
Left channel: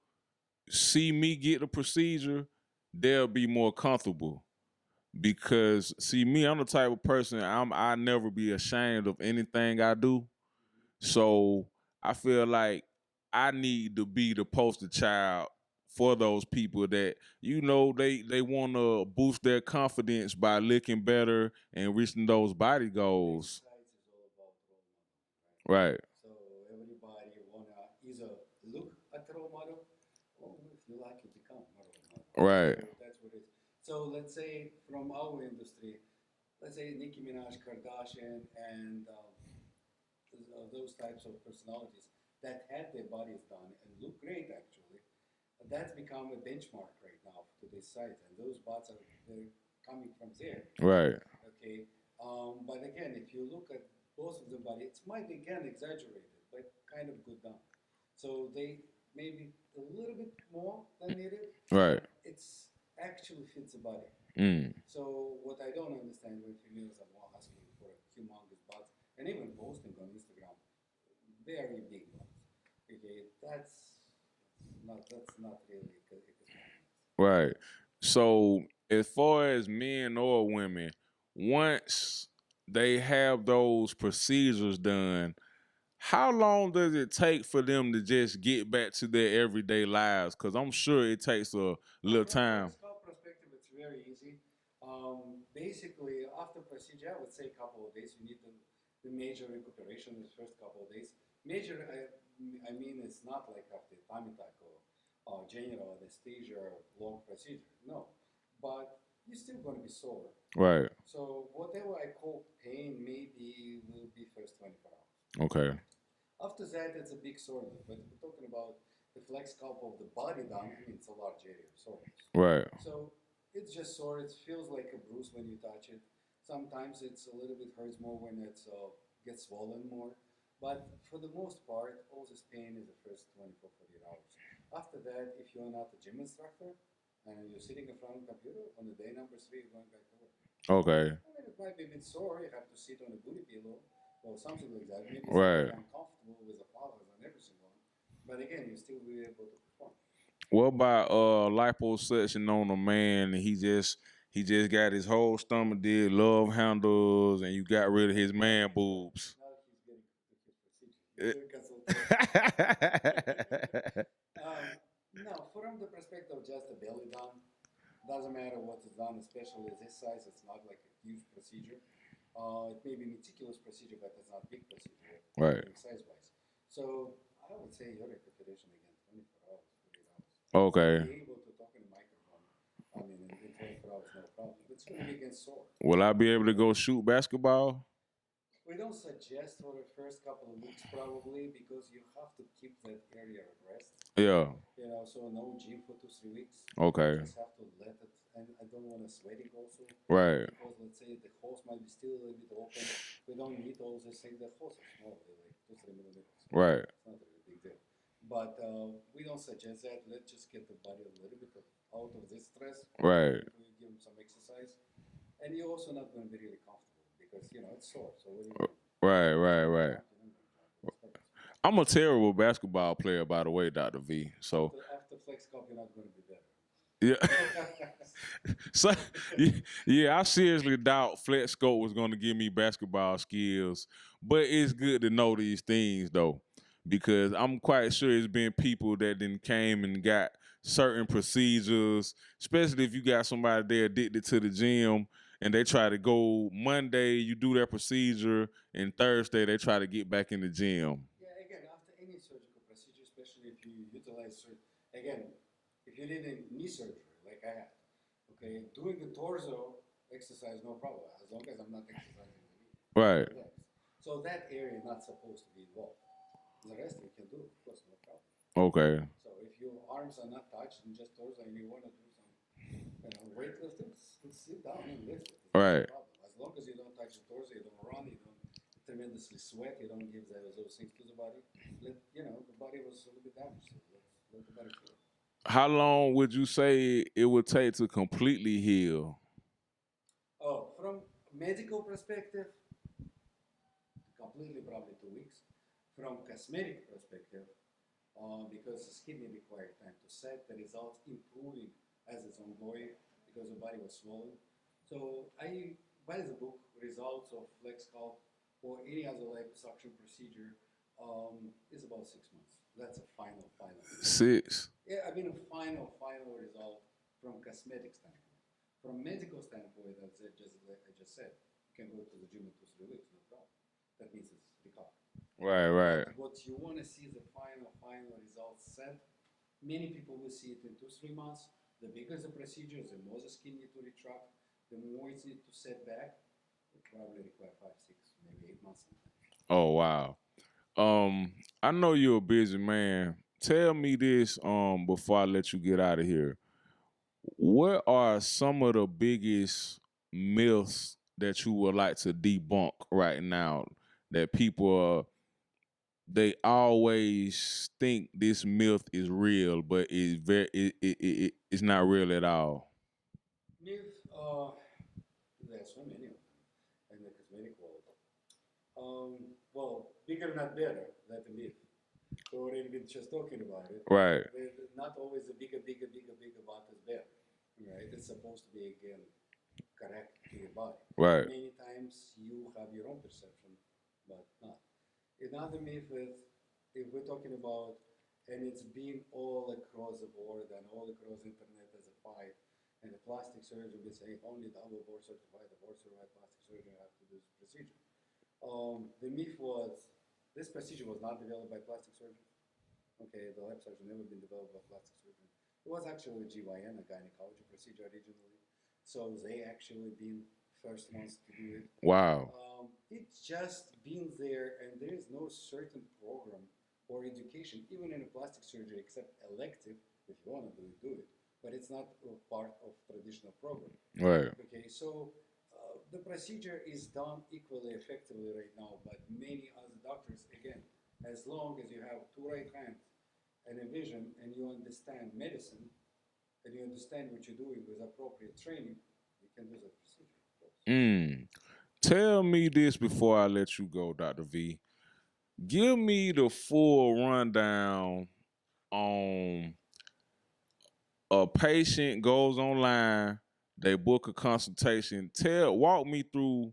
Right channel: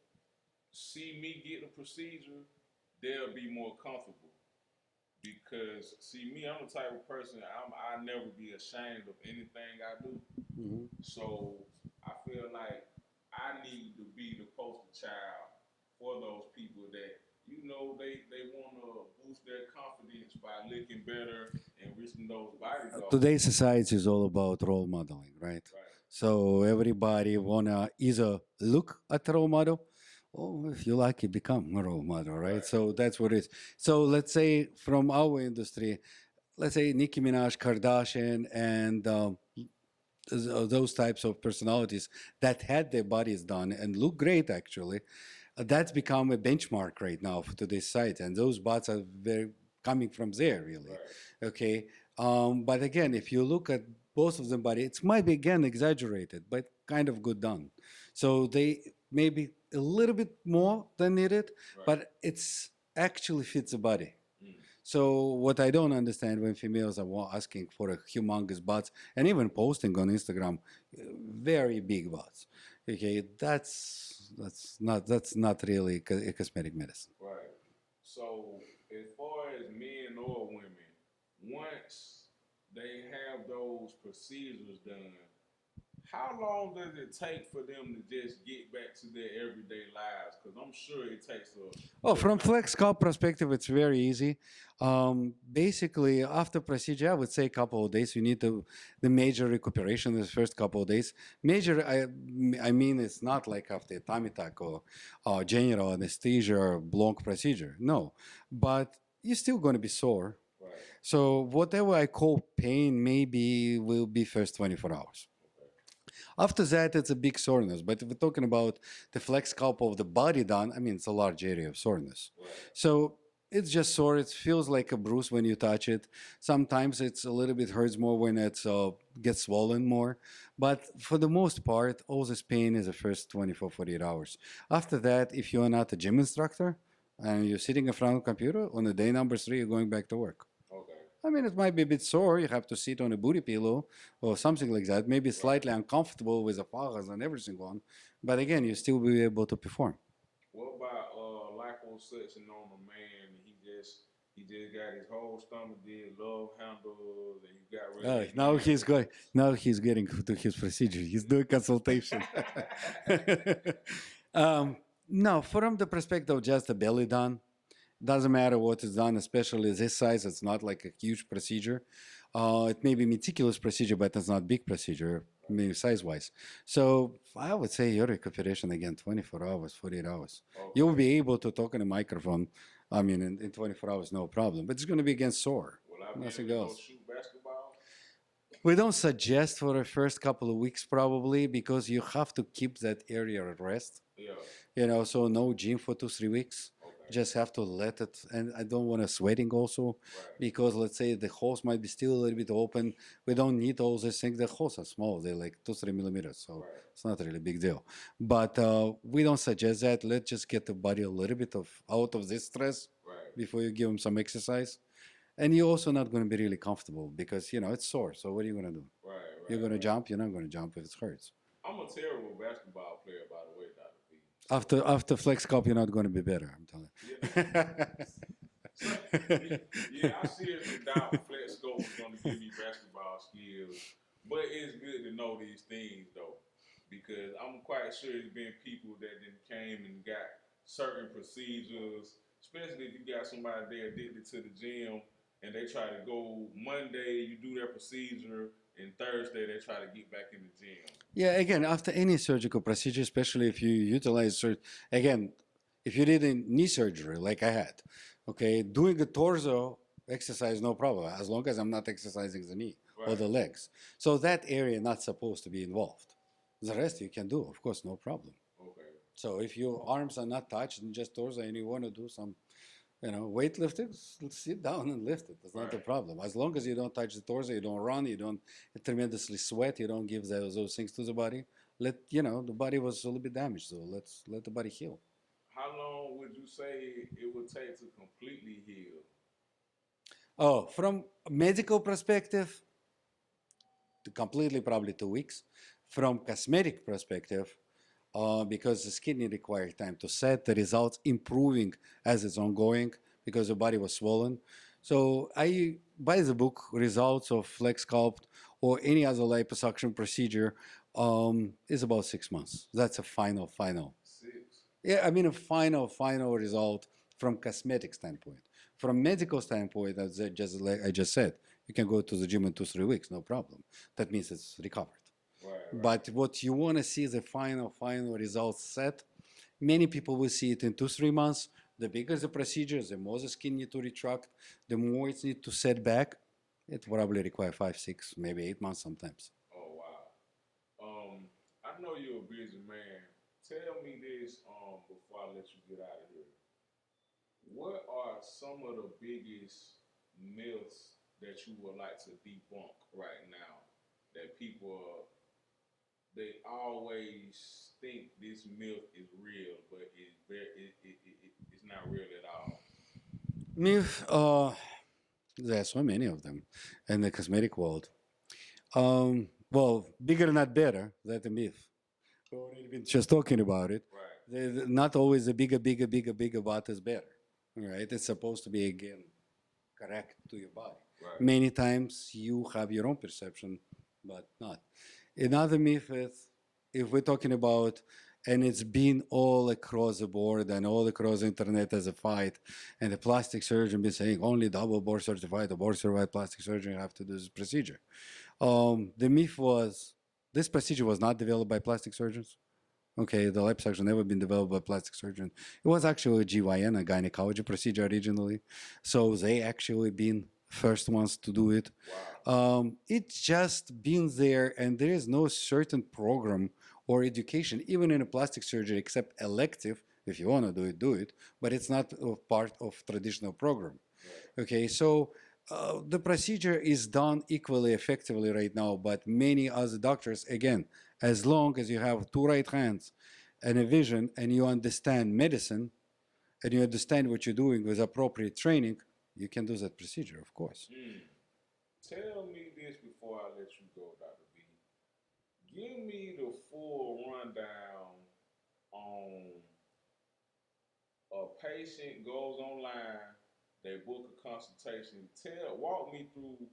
see me get the procedure, they'll be more comfortable. Because see me, I'm the type of person I never be ashamed of anything I do. Mhm. So I feel like I need to be the poster child for those people that they want to boost their confidence by looking better and reaching those body Today's goals. society is all about role modeling, right? Right, So everybody wanna either look at a role model, or if you like it, become a role model, right? right, So that's what it is. So let's say from our industry, let's say Nicki Minaj, Kardashian, and those types of personalities that had their bodies done and look great actually, that's become a benchmark right now for today's site, and those bots are very coming from there, really. right, Okay, but again, if you look at both of them body, it might be again exaggerated, but kind of good done. So they maybe a little bit more than needed, right. but it's actually fits the body. Mm, So what I don't understand when females are asking for a humongous butts and even posting on Instagram, very big butts. Okay, that's not really a cosmetic medicine. right. So as far as men or women, once they have those procedures done, how long does it take for them to just get back to their everyday lives? Because I'm sure it takes a Oh, little from time. flex scalp perspective, it's very easy. Basically, after procedure, I would say a couple of days. You need the major recuperation the first couple of days. Major, I mean, it's not like after a tummy tuck or general anesthesia or long procedure. No, but you're still going to be sore. Right. So whatever I call pain, maybe will be first 24 hours. Okay. After that, it's a big soreness. But if we're talking about the flex scalp of the body done, I mean, it's a large area of soreness. Right. So it's just sore. It feels like a bruise when you touch it. Sometimes it's a little bit hurts more when it gets swollen more. But for the most part, all this pain is the first 24, 48 hours. After that, if you're not a gym instructor and you're sitting in front of a computer, on the day number 3, you're going back to work. Okay. I mean, it might be a bit sore. You have to sit on a booty pillow or something like that. Maybe Right. slightly uncomfortable with the flowers and everything on. But again, you still be able to perform. What about liposuction on a man and he just got his whole stomach did love handles and you got rid of his Now man he's going. boobs? Now he's getting to his procedure. He's doing consultation. um, no, from the perspective of just a belly done, doesn't matter what is done, especially this size. It's not like a huge procedure. It may be meticulous procedure, but it's not big procedure, Right. maybe size wise. So I would say your recuperation again, 24 hours, 48 hours. You'll Okay. be able to talk in a microphone. I mean, in 24 hours, no problem. But it's going to be again sore. Will I be able Nothing to go else. shoot basketball? We don't suggest for the first couple of weeks probably because you have to keep that area at rest. Yeah. So no gym for 2 3 weeks. Okay. Just have to let it, and I don't want to sweating also Right. because let's say the holes might be still a little bit open. We don't need all these things. The holes are small; they're like 2 3 millimeters, so Right. it's not really a big deal. But we don't suggest that. Let's just get the body a little bit of out of this stress Right. before you give them some exercise. And you're also not going to be really comfortable because it's sore. So what are you going to do? Right. You're Right. going to Right. jump. You're not going to jump if it hurts. I'm a terrible basketball player, by the way, Dr. V. So After flex cup, you're not going to be better. I'm telling you. yeah. So yeah, I seriously doubt Flex Scope was going to give me basketball skills, but it's good to know these things though, because I'm quite sure it's been people that then came and got certain procedures, especially if you got somebody there addicted to the gym and they try to go Monday, you do their procedure, and Thursday they try to get back in the gym. Yeah, again, after any surgical procedure, especially if you utilize, again, if you did a knee surgery like I had, okay, doing a torso exercise, no problem, as long as I'm not exercising the knee or the Right. legs. So that area not supposed to be involved. The rest you can do, of course, no problem. Okay. So if your arms are not touched and just torso and you want to do some weightlifting, sit down and lift it. That's not a Right. problem. As long as you don't touch the torso, you don't run, you don't tremendously sweat, you don't give those things to the body. The body was a little bit damaged, so let's let the body heal. How long would you say it would take to completely heal? Oh, from a medical perspective, completely probably 2 weeks. From cosmetic perspective, because the skin requires time to set, the results improving as it's ongoing because the body was swollen. So I buy the book Results of Flex Sculpt or any other liposuction procedure is about 6 months. That's a final. 6. Yeah, I mean a final result from cosmetic standpoint. From medical standpoint, as I just said, you can go to the gym in 2 3 weeks, no problem. That means it's recovered. Right, right. But what you want to see is the final results set. Many people will see it in 2 3 months. The bigger the procedure, the more the skin need to retract, the more it need to set back. It probably require 5 6 maybe 8 months sometimes. Oh wow. Um, I know you're a busy man. Tell me this before I let you get out of here. What are some of the biggest myths that you would like to debunk right now that people they always think this myth is real, but it's not real at all. Myth, there are so many of them in the cosmetic world. Well, bigger not better. That's a myth. We already been just talking about it. Right, Not always the bigger butt is better. Right? It's supposed to be again correct to your body. right. Many times you have your own perception, but not. Another myth is if we're talking about, and it's been all across the board and all across the internet as a fight, and the plastic surgeon been saying only double board certified or board certified plastic surgeon have to do this procedure. The myth was this procedure was not developed by plastic surgeons. Okay, the liposuction never been developed by plastic surgeon. It was actually a GYN, a gynecology procedure originally. So they actually been first ones to do it. Wow. It's just been there, and there is no certain program or education, even in a plastic surgery, except elective. If you want to do it, but it's not a part of traditional program. Right. Okay, so the procedure is done equally effectively right now, but many other doctors, again, as long as you have two right hands and a vision and you understand medicine and you understand what you're doing with appropriate training, you can do that procedure, of course. Mm. Tell me this before I let you go, Dr. V. Give me the full rundown on a patient goes online, they book a consultation. Walk me through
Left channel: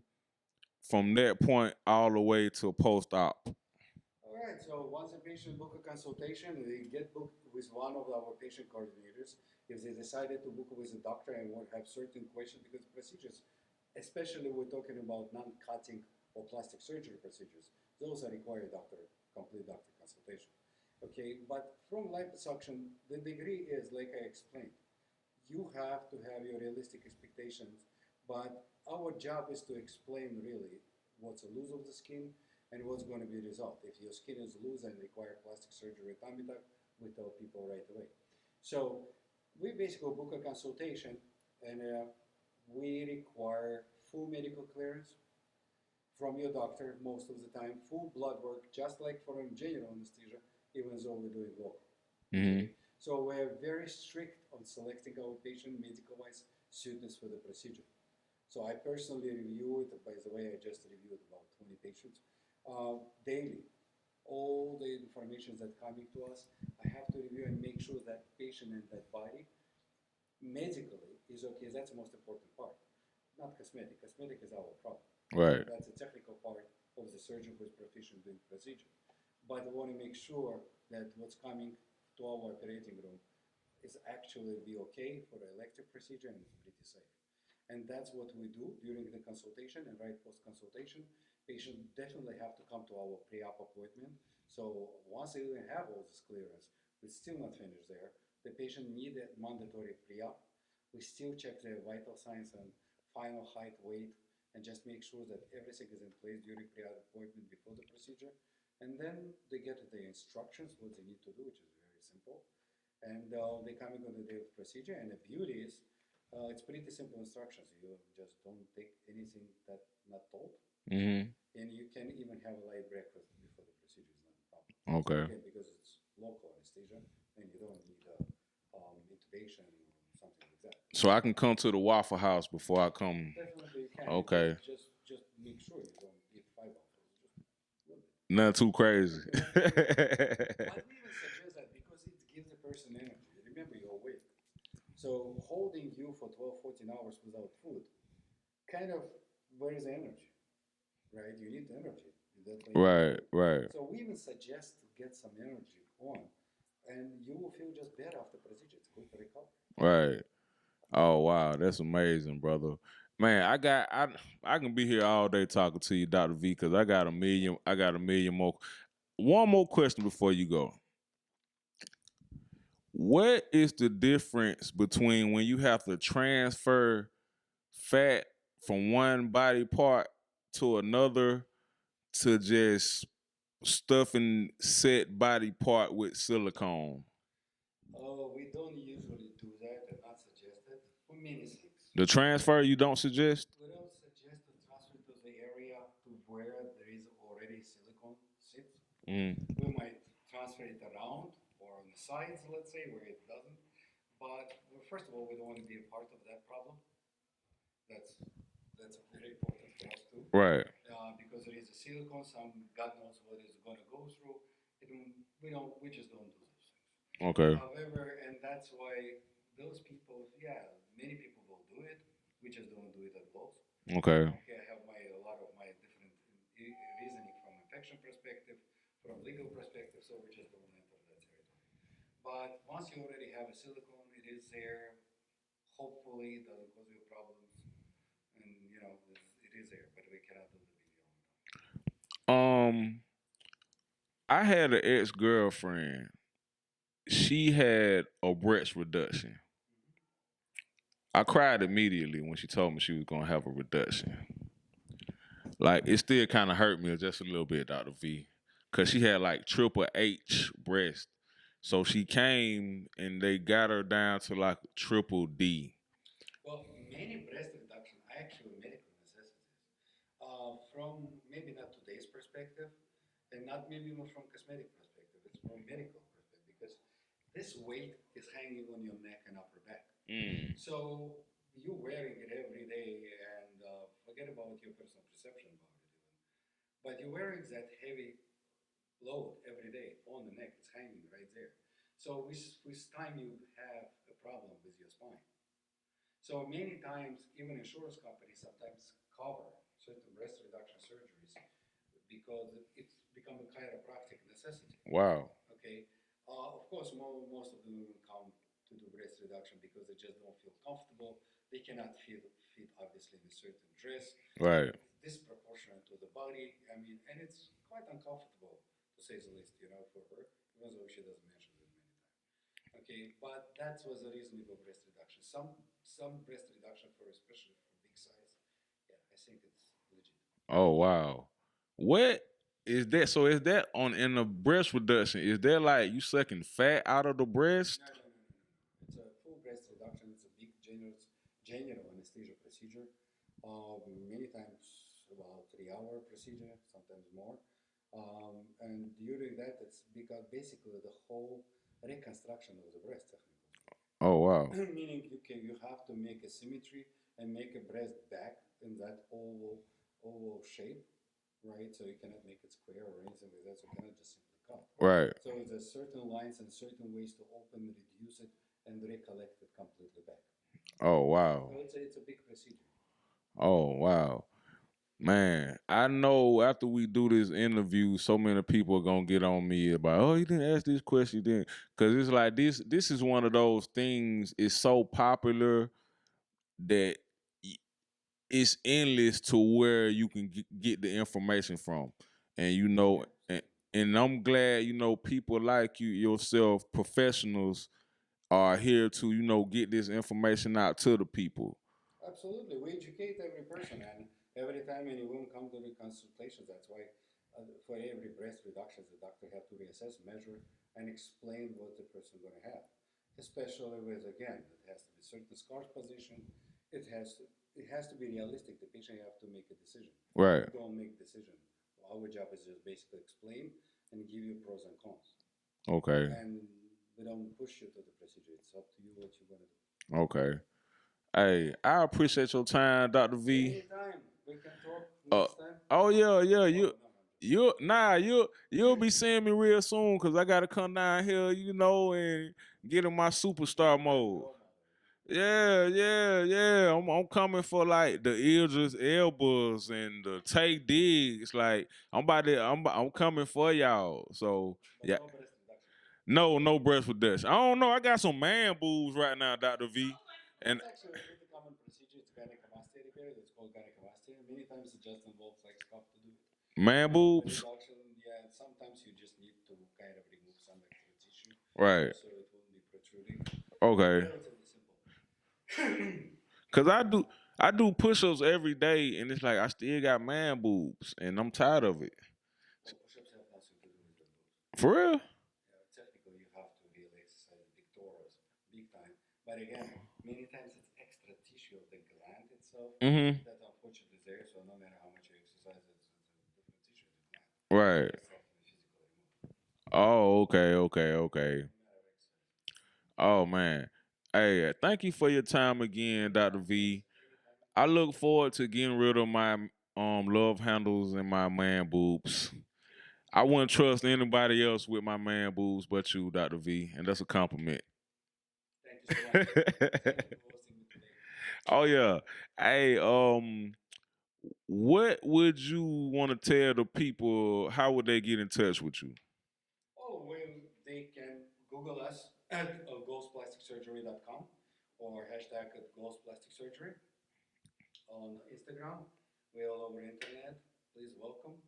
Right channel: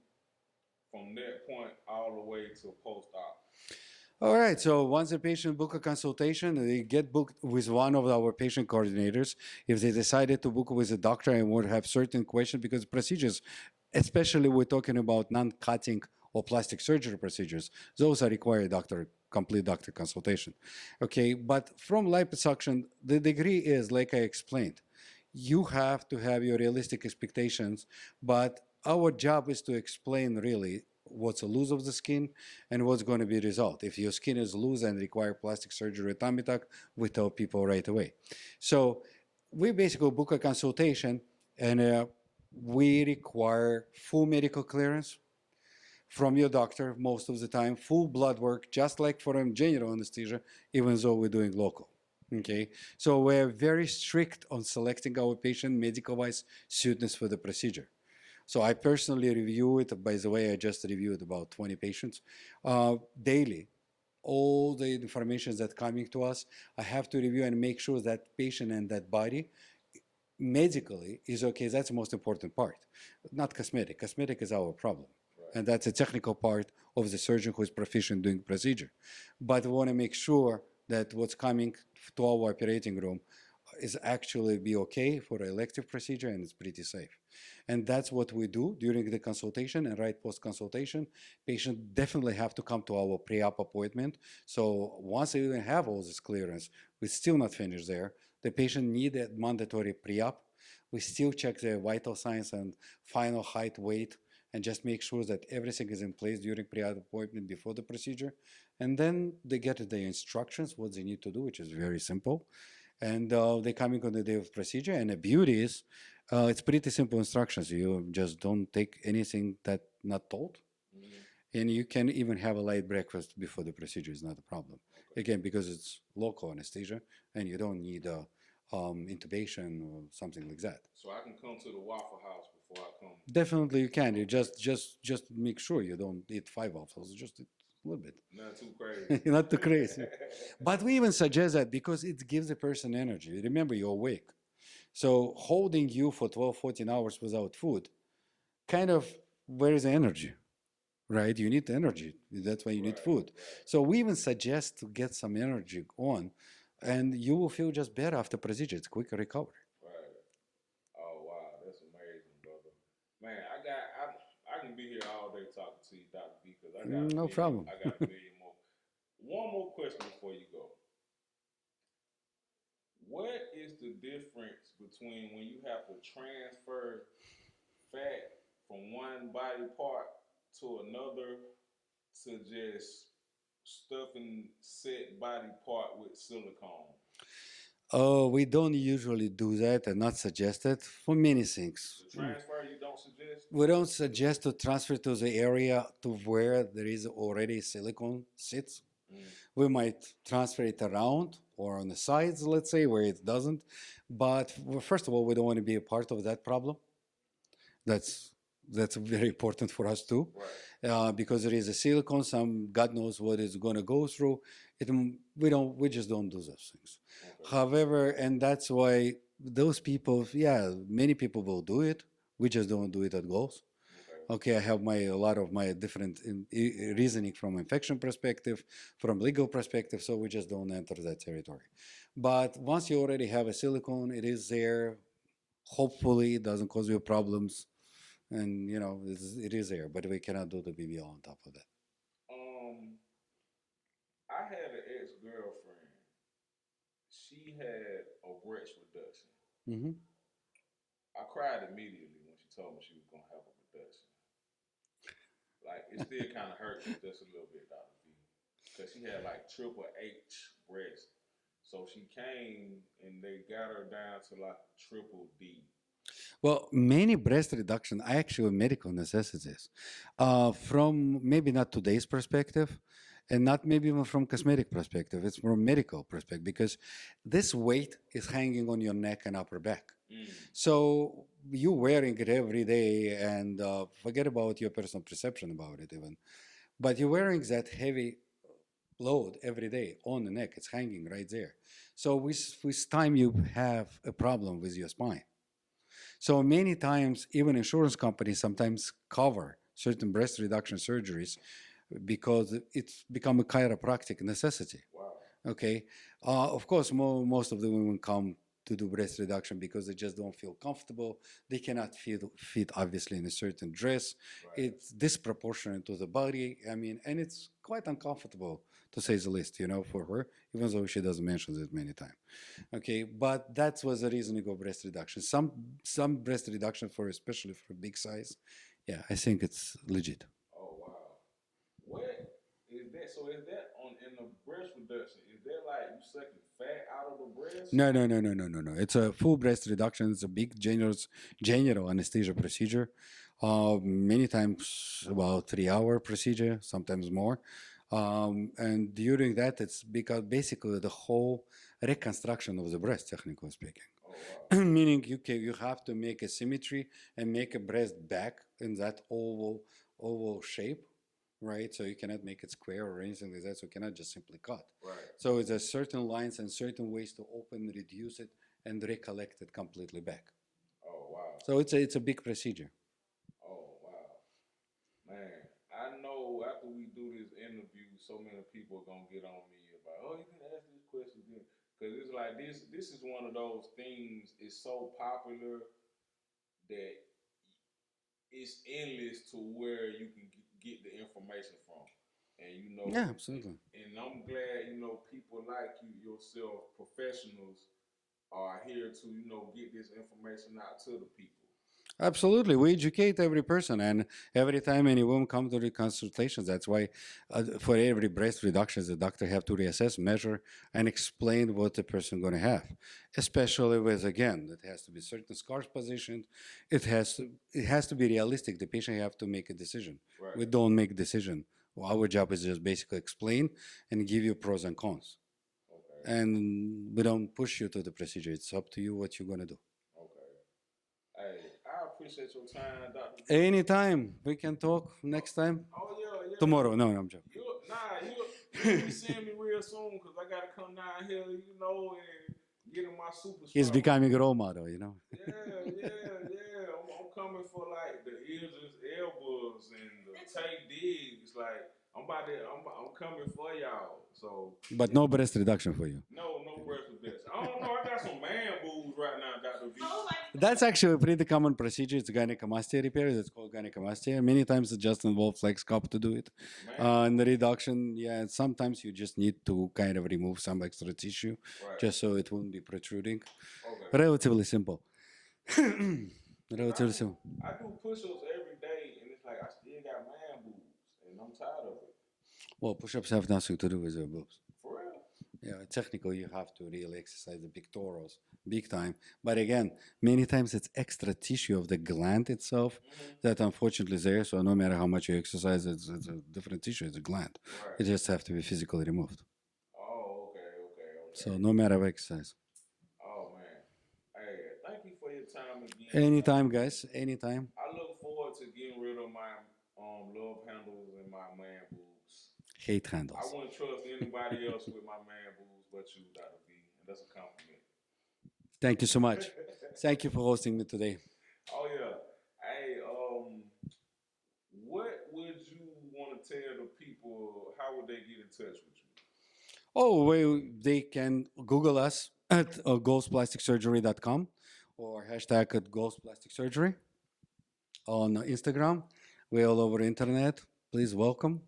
from that point all the way to post op. All right. So once a patient book a consultation, they get booked with one of our patient coordinators. If they decided to book with a doctor and would have certain questions, because procedures, especially we're talking about non-cutting or plastic surgery procedures, those are required complete doctor consultation. Okay. But from liposuction, the degree is like I explained. You have to have your realistic expectations, but our job is to explain really what's a loose of the skin and what's going to be result. If your skin is loose and require plastic surgery or tummy tuck, we tell people right away. So we basically book a consultation, and we require full medical clearance from your doctor most of the time, full blood work, just like for a general anesthesia, even though we're doing local. Okay, so we're very strict on selecting our patient medical wise suitness for the procedure. So I personally review it. By the way, I just reviewed about 20 patients daily. All the information that's coming to us, I have to review and make sure that patient and that body medically is okay. That's the most important part, not cosmetic. Cosmetic is our problem. Right. And that's a technical part of the surgeon who is proficient doing procedure. But we want to make sure that what's coming to our operating room is actually be okay for an elective procedure and it's pretty safe. And that's what we do during the consultation and right post-consultation. Patient definitely have to come to our pre-op appointment. So once they even have all this clearance, we're still not finished there. The patient need a mandatory pre-op. We still check their vital signs and final height, weight, and just make sure that everything is in place during pre-op appointment before the procedure. And then they get the instructions, what they need to do, which is very simple. And they coming on the day of procedure. And the beauty is, it's pretty simple instructions. You just don't take anything that not told. Mm-hmm. And you can even have a light breakfast before the procedure is not a problem. Okay. Again, because it's local anesthesia and you don't need intubation or something like that. So I can come to the Waffle House before I come. Definitely you can. You Okay. just make sure you don't eat 5 waffles. Just a little bit. Not too crazy. Not too crazy. But we even suggest that because it gives the person energy. Remember, you're awake. So holding you for 12, 14 hours without food, kind of, where is the energy? right? You need energy. That's why you need Right, food. right, So we even suggest to get some energy on, and you will feel just better after procedure. It's quicker recovery. right. Oh wow, that's amazing, brother. Man, I can be here all day talking to you, Dr. V, because No problem. I got a million more. One more question before you go. What is the difference between when you have to transfer fat from one body part to another to just stuffing set body part with silicone? Oh, we don't usually do that and not suggest it for many things. The transfer you don't suggest? We don't suggest to transfer to the area to where there is already silicone sits. Mm, We might transfer it around or on the sides, let's say, where it doesn't. But first of all, we don't want to be a part of that problem. That's that's very important for us too, right. because there is a silicone. Some God knows what it's going to go through. It, we just don't do those things. Okay. However, and that's why those people, yeah, many people will do it. We just don't do it at goals. Okay. Okay, I have a lot of my different reasoning from infection perspective, from legal perspective, so we just don't enter that territory. But once you already have a silicone, it is there. Hopefully, it doesn't cause you problems, and it is there. But we cannot do the BBL on top of that. Um, I had an ex girlfriend. She had a breast reduction. Hmm. I cried immediately when she told me she was gonna have a reduction. Like it still kind of hurt me just a little bit, Dr. V, because she had like triple H breast. So she came and they got her down to like triple D. Well, many breast reduction are actually medical necessities. From maybe not today's perspective, and not maybe even from cosmetic perspective, it's from medical perspective because this weight is hanging on your neck and upper back. Mm. So you wearing it every day, and forget about your personal perception about it even. But you're wearing that heavy load every day on the neck. It's hanging right there. So with time you have a problem with your spine. So many times, even insurance companies sometimes cover certain breast reduction surgeries because it's become a chiropractic necessity. Wow. Okay, of course, most of the women come to do breast reduction because they just don't feel comfortable. They cannot fit obviously in a certain dress. Right. It's disproportionate to the body. I mean, and it's quite uncomfortable to say the least, for her, even though she doesn't mention it many times. Okay, but that was the reason to go breast reduction. Some breast reduction for especially for big size. Yeah, I think it's legit. Oh wow. What is that? So is that on in the breast reduction? Is that like you sucking fat out of the breast? No, no, no, no, no, no, no. It's a full breast reduction. It's a big general anesthesia procedure. Many times about 3 hour procedure, sometimes more. And during that, it's because basically the whole reconstruction of the breast, technically speaking. Oh wow. Meaning you have to make a symmetry and make a breast back in that oval shape, right? So you cannot make it square or anything like that. So you cannot just simply cut. Right. So it's a certain lines and certain ways to open, reduce it, and recollect it completely back. Oh wow. So it's a big procedure. Oh wow. Man, I know after we do this interview, so many people are gonna get on me about, oh, you didn't ask this question, you didn't, because it's like this is one of those things. It's so popular that it's endless to where you can get the information from, and Yeah, and, absolutely. and I'm glad people like you yourself, professionals, are here to get this information out to the people. Absolutely. We educate every person, and every time any woman comes to the consultations, that's why for every breast reduction, the doctor have to reassess, measure, and explain what the person going to have. Especially with, again, it has to be certain scars positioned. It has to be realistic. The patient have to make a decision. Right. We don't make decision. Well, our job is just basically explain and give you pros and cons. Okay. And we don't push you to the procedure. It's up to you what you're going to do. Okay. Hey, I appreciate your time, Dr. V. Anytime we can talk Uh, next time. oh yeah, yeah. Tomorrow. No, no, I'm joking. You'll be seeing me real soon because I gotta come down here, and get in my He's superstar becoming a mode. role model, you know. Yeah, yeah, yeah. I'm coming for like the Idris Elbas and the Tay Diggs. Like I'm coming for y'all. So But yeah, no breast reduction for you. no breast reduction. I don't know. I got some man boobs right now, Doctor V. And That's actually a pretty common procedure. It's gynecomastia repair. It's called gynecomastia. Many times it just involves like Sculpt to do it. man And the boobs, reduction, yeah, sometimes you just need to kind of remove some extra tissue right? just so it won't be protruding. Okay. Relatively simple. Cause Relatively simple. I do push-ups every day, and it's like I still got man boobs, and I'm tired of it. Well, push-ups have nothing to do with your boobs. For real? Yeah, technically you have to really exercise the pectorals big time. But again, many times it's extra tissue of the gland itself Mm-hmm. that unfortunately is there. So no matter how much you exercise, it's a different tissue. It's a gland. It Right. just have to be physically removed. Oh, okay, okay, So okay. no matter what exercise. Oh man. Hey, thank you for your time again, Dr. Anytime, V. guys. Anytime. I look forward to getting rid of my love handles and my man boobs. Hate I handles. wouldn't trust anybody else with my man boobs but you, Dr. V, and that's a compliment. Thank you so much. Thank you for hosting me today. Oh yeah. Hey, what would you want to tell the people? How would they get in touch with you? Oh, well, they can Google us at ghostplasticsurgery.com or hashtag at ghostplasticsurgery on Instagram. We're all over the internet. Please welcome.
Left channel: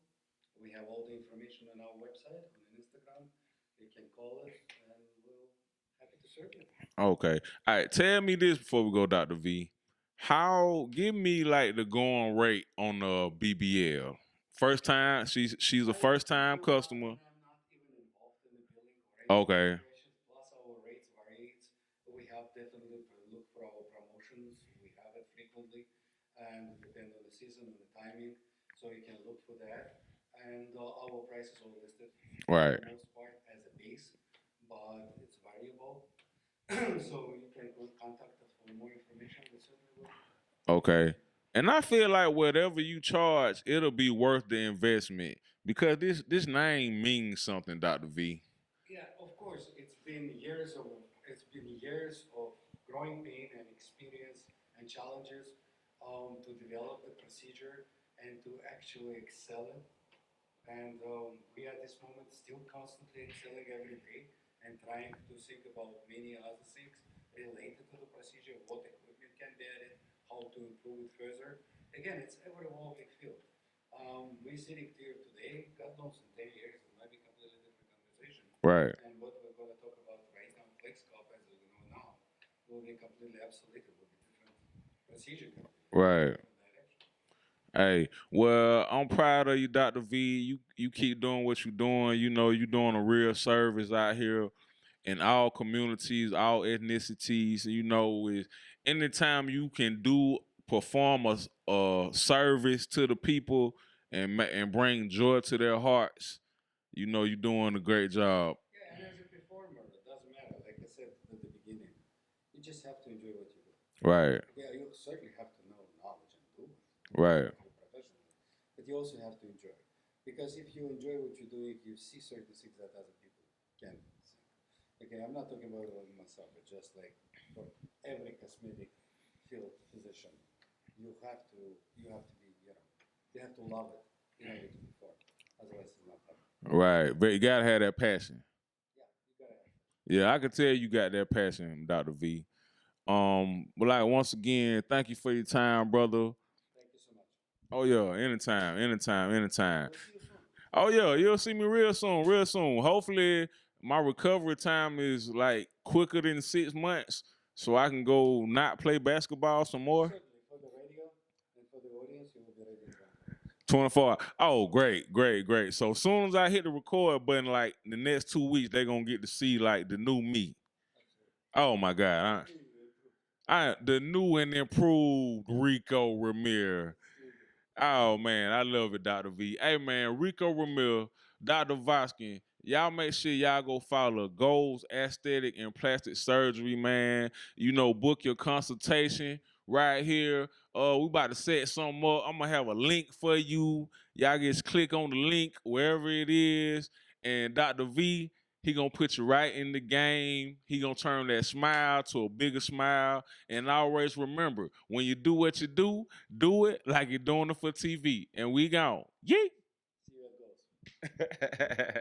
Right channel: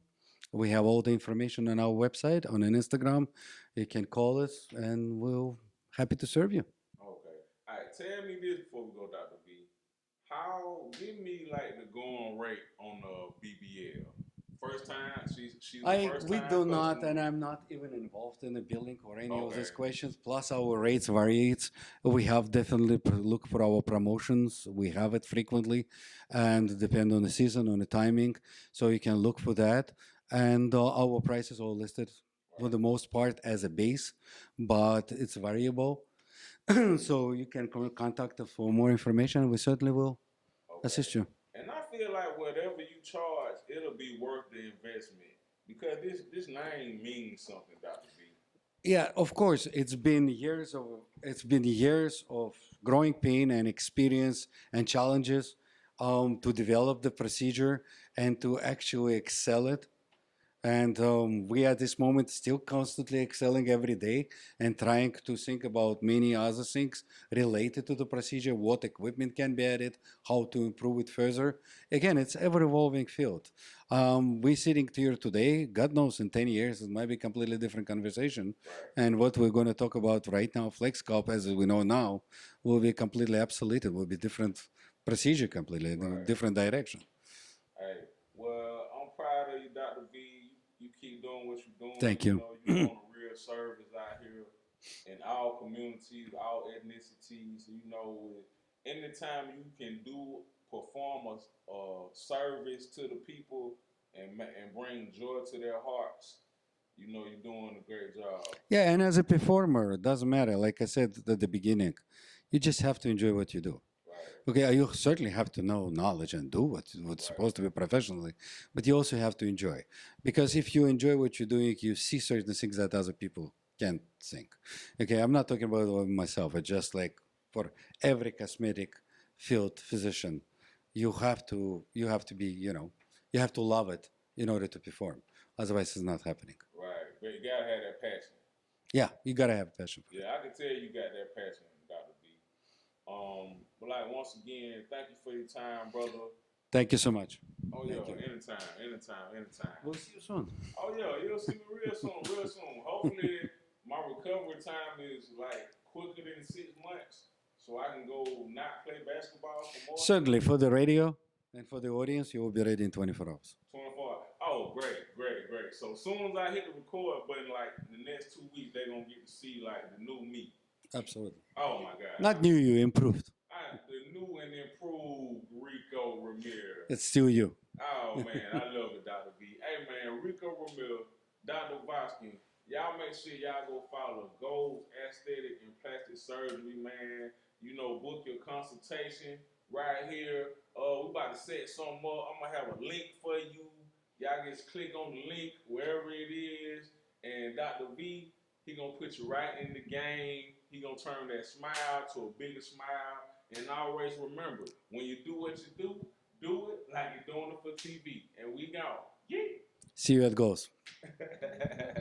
We have all the information on our website, on an Instagram. You can call us and we'll happy to serve you. Okay. All right. Tell me this before we go, Dr. V. How give me like the going rate on the BBL? First time she's a first We time do not, customer. and I'm not even involved in the billing or any of these Okay. questions. Plus, our rates varies. We have definitely look for our promotions. We have it frequently, and depend on the season, on the timing. So you can look for that. And our prices are listed for the Right. most part as a base, but it's variable. So you can contact us for more information. We certainly will Okay. assist you. And I feel like whatever you charge, it'll be worth the investment because this name means something, Dr. V. Yeah, of course. It's been years of growing pain and experience and challenges to develop the procedure and to actually excel it. And we at this moment still constantly excelling every day and trying to think about many other things related to the procedure, what equipment can be added, how to improve it further. Again, it's ever evolving field. We're sitting here today, God knows in 10 years, it might be a completely different conversation. Right. And what we're going to talk about right now, FlexCop, as we know now, will be completely obsolete. It will be different procedure completely, Right. different direction. Hey, well, I'm proud of you, Dr. V. You keep doing what you're doing. Thank You you. know, you're doing a real service out here in all communities, all ethnicities. You know, is anytime you can perform a service to the people and bring joy to their hearts, you know, you're doing a great job. Yeah, and as a performer, it doesn't matter. Like I said at the beginning, you just have to enjoy what you do. Right. Okay, you certainly have to know knowledge and do what's Right. supposed to be professionally, but you also have to enjoy. Because if you enjoy what you're doing, you see certain things that other people can't think. Okay, I'm not talking about myself. It's just like for every cosmetic field physician, you have to be, you have to love it in order to perform. Otherwise, it's not happening. Right. But you gotta have that passion. Yeah, you gotta have passion. Yeah, I can tell you got that passion, Dr. V. But like once again, thank you for your time, brother. Thank you so much. Oh yeah, anytime, anytime, anytime. We'll see you soon. Oh yeah, you'll see me real soon, real soon. Hopefully, my recovery time is like quicker than 6 months, so I can go not play basketball some more. Certainly, for the radio and for the audience, you will be ready in 24 hours. 24. Oh, great, great, great. So as soon as I hit the record button, like the next 2 weeks, they're gonna get to see like the new me. Absolutely. Oh my God. Not new, you improved. The new and improved Rico Ramirez. It's still you. Oh man, I love it, Dr. V. Hey man, Rico Ramil, Dr. Voskin, y'all make sure y'all go follow Goals Aesthetic and Plastic Surgery, man. You know, book your consultation right here. We about to set something up. I'm gonna have a link for you. Y'all just click on the link wherever it is. And Dr. V, He gonna put you right in the game. He gonna turn that smile to a bigger smile. And always remember, when you do what you do it like you're doing it for TV. And we gone. See you at goals. Yeet.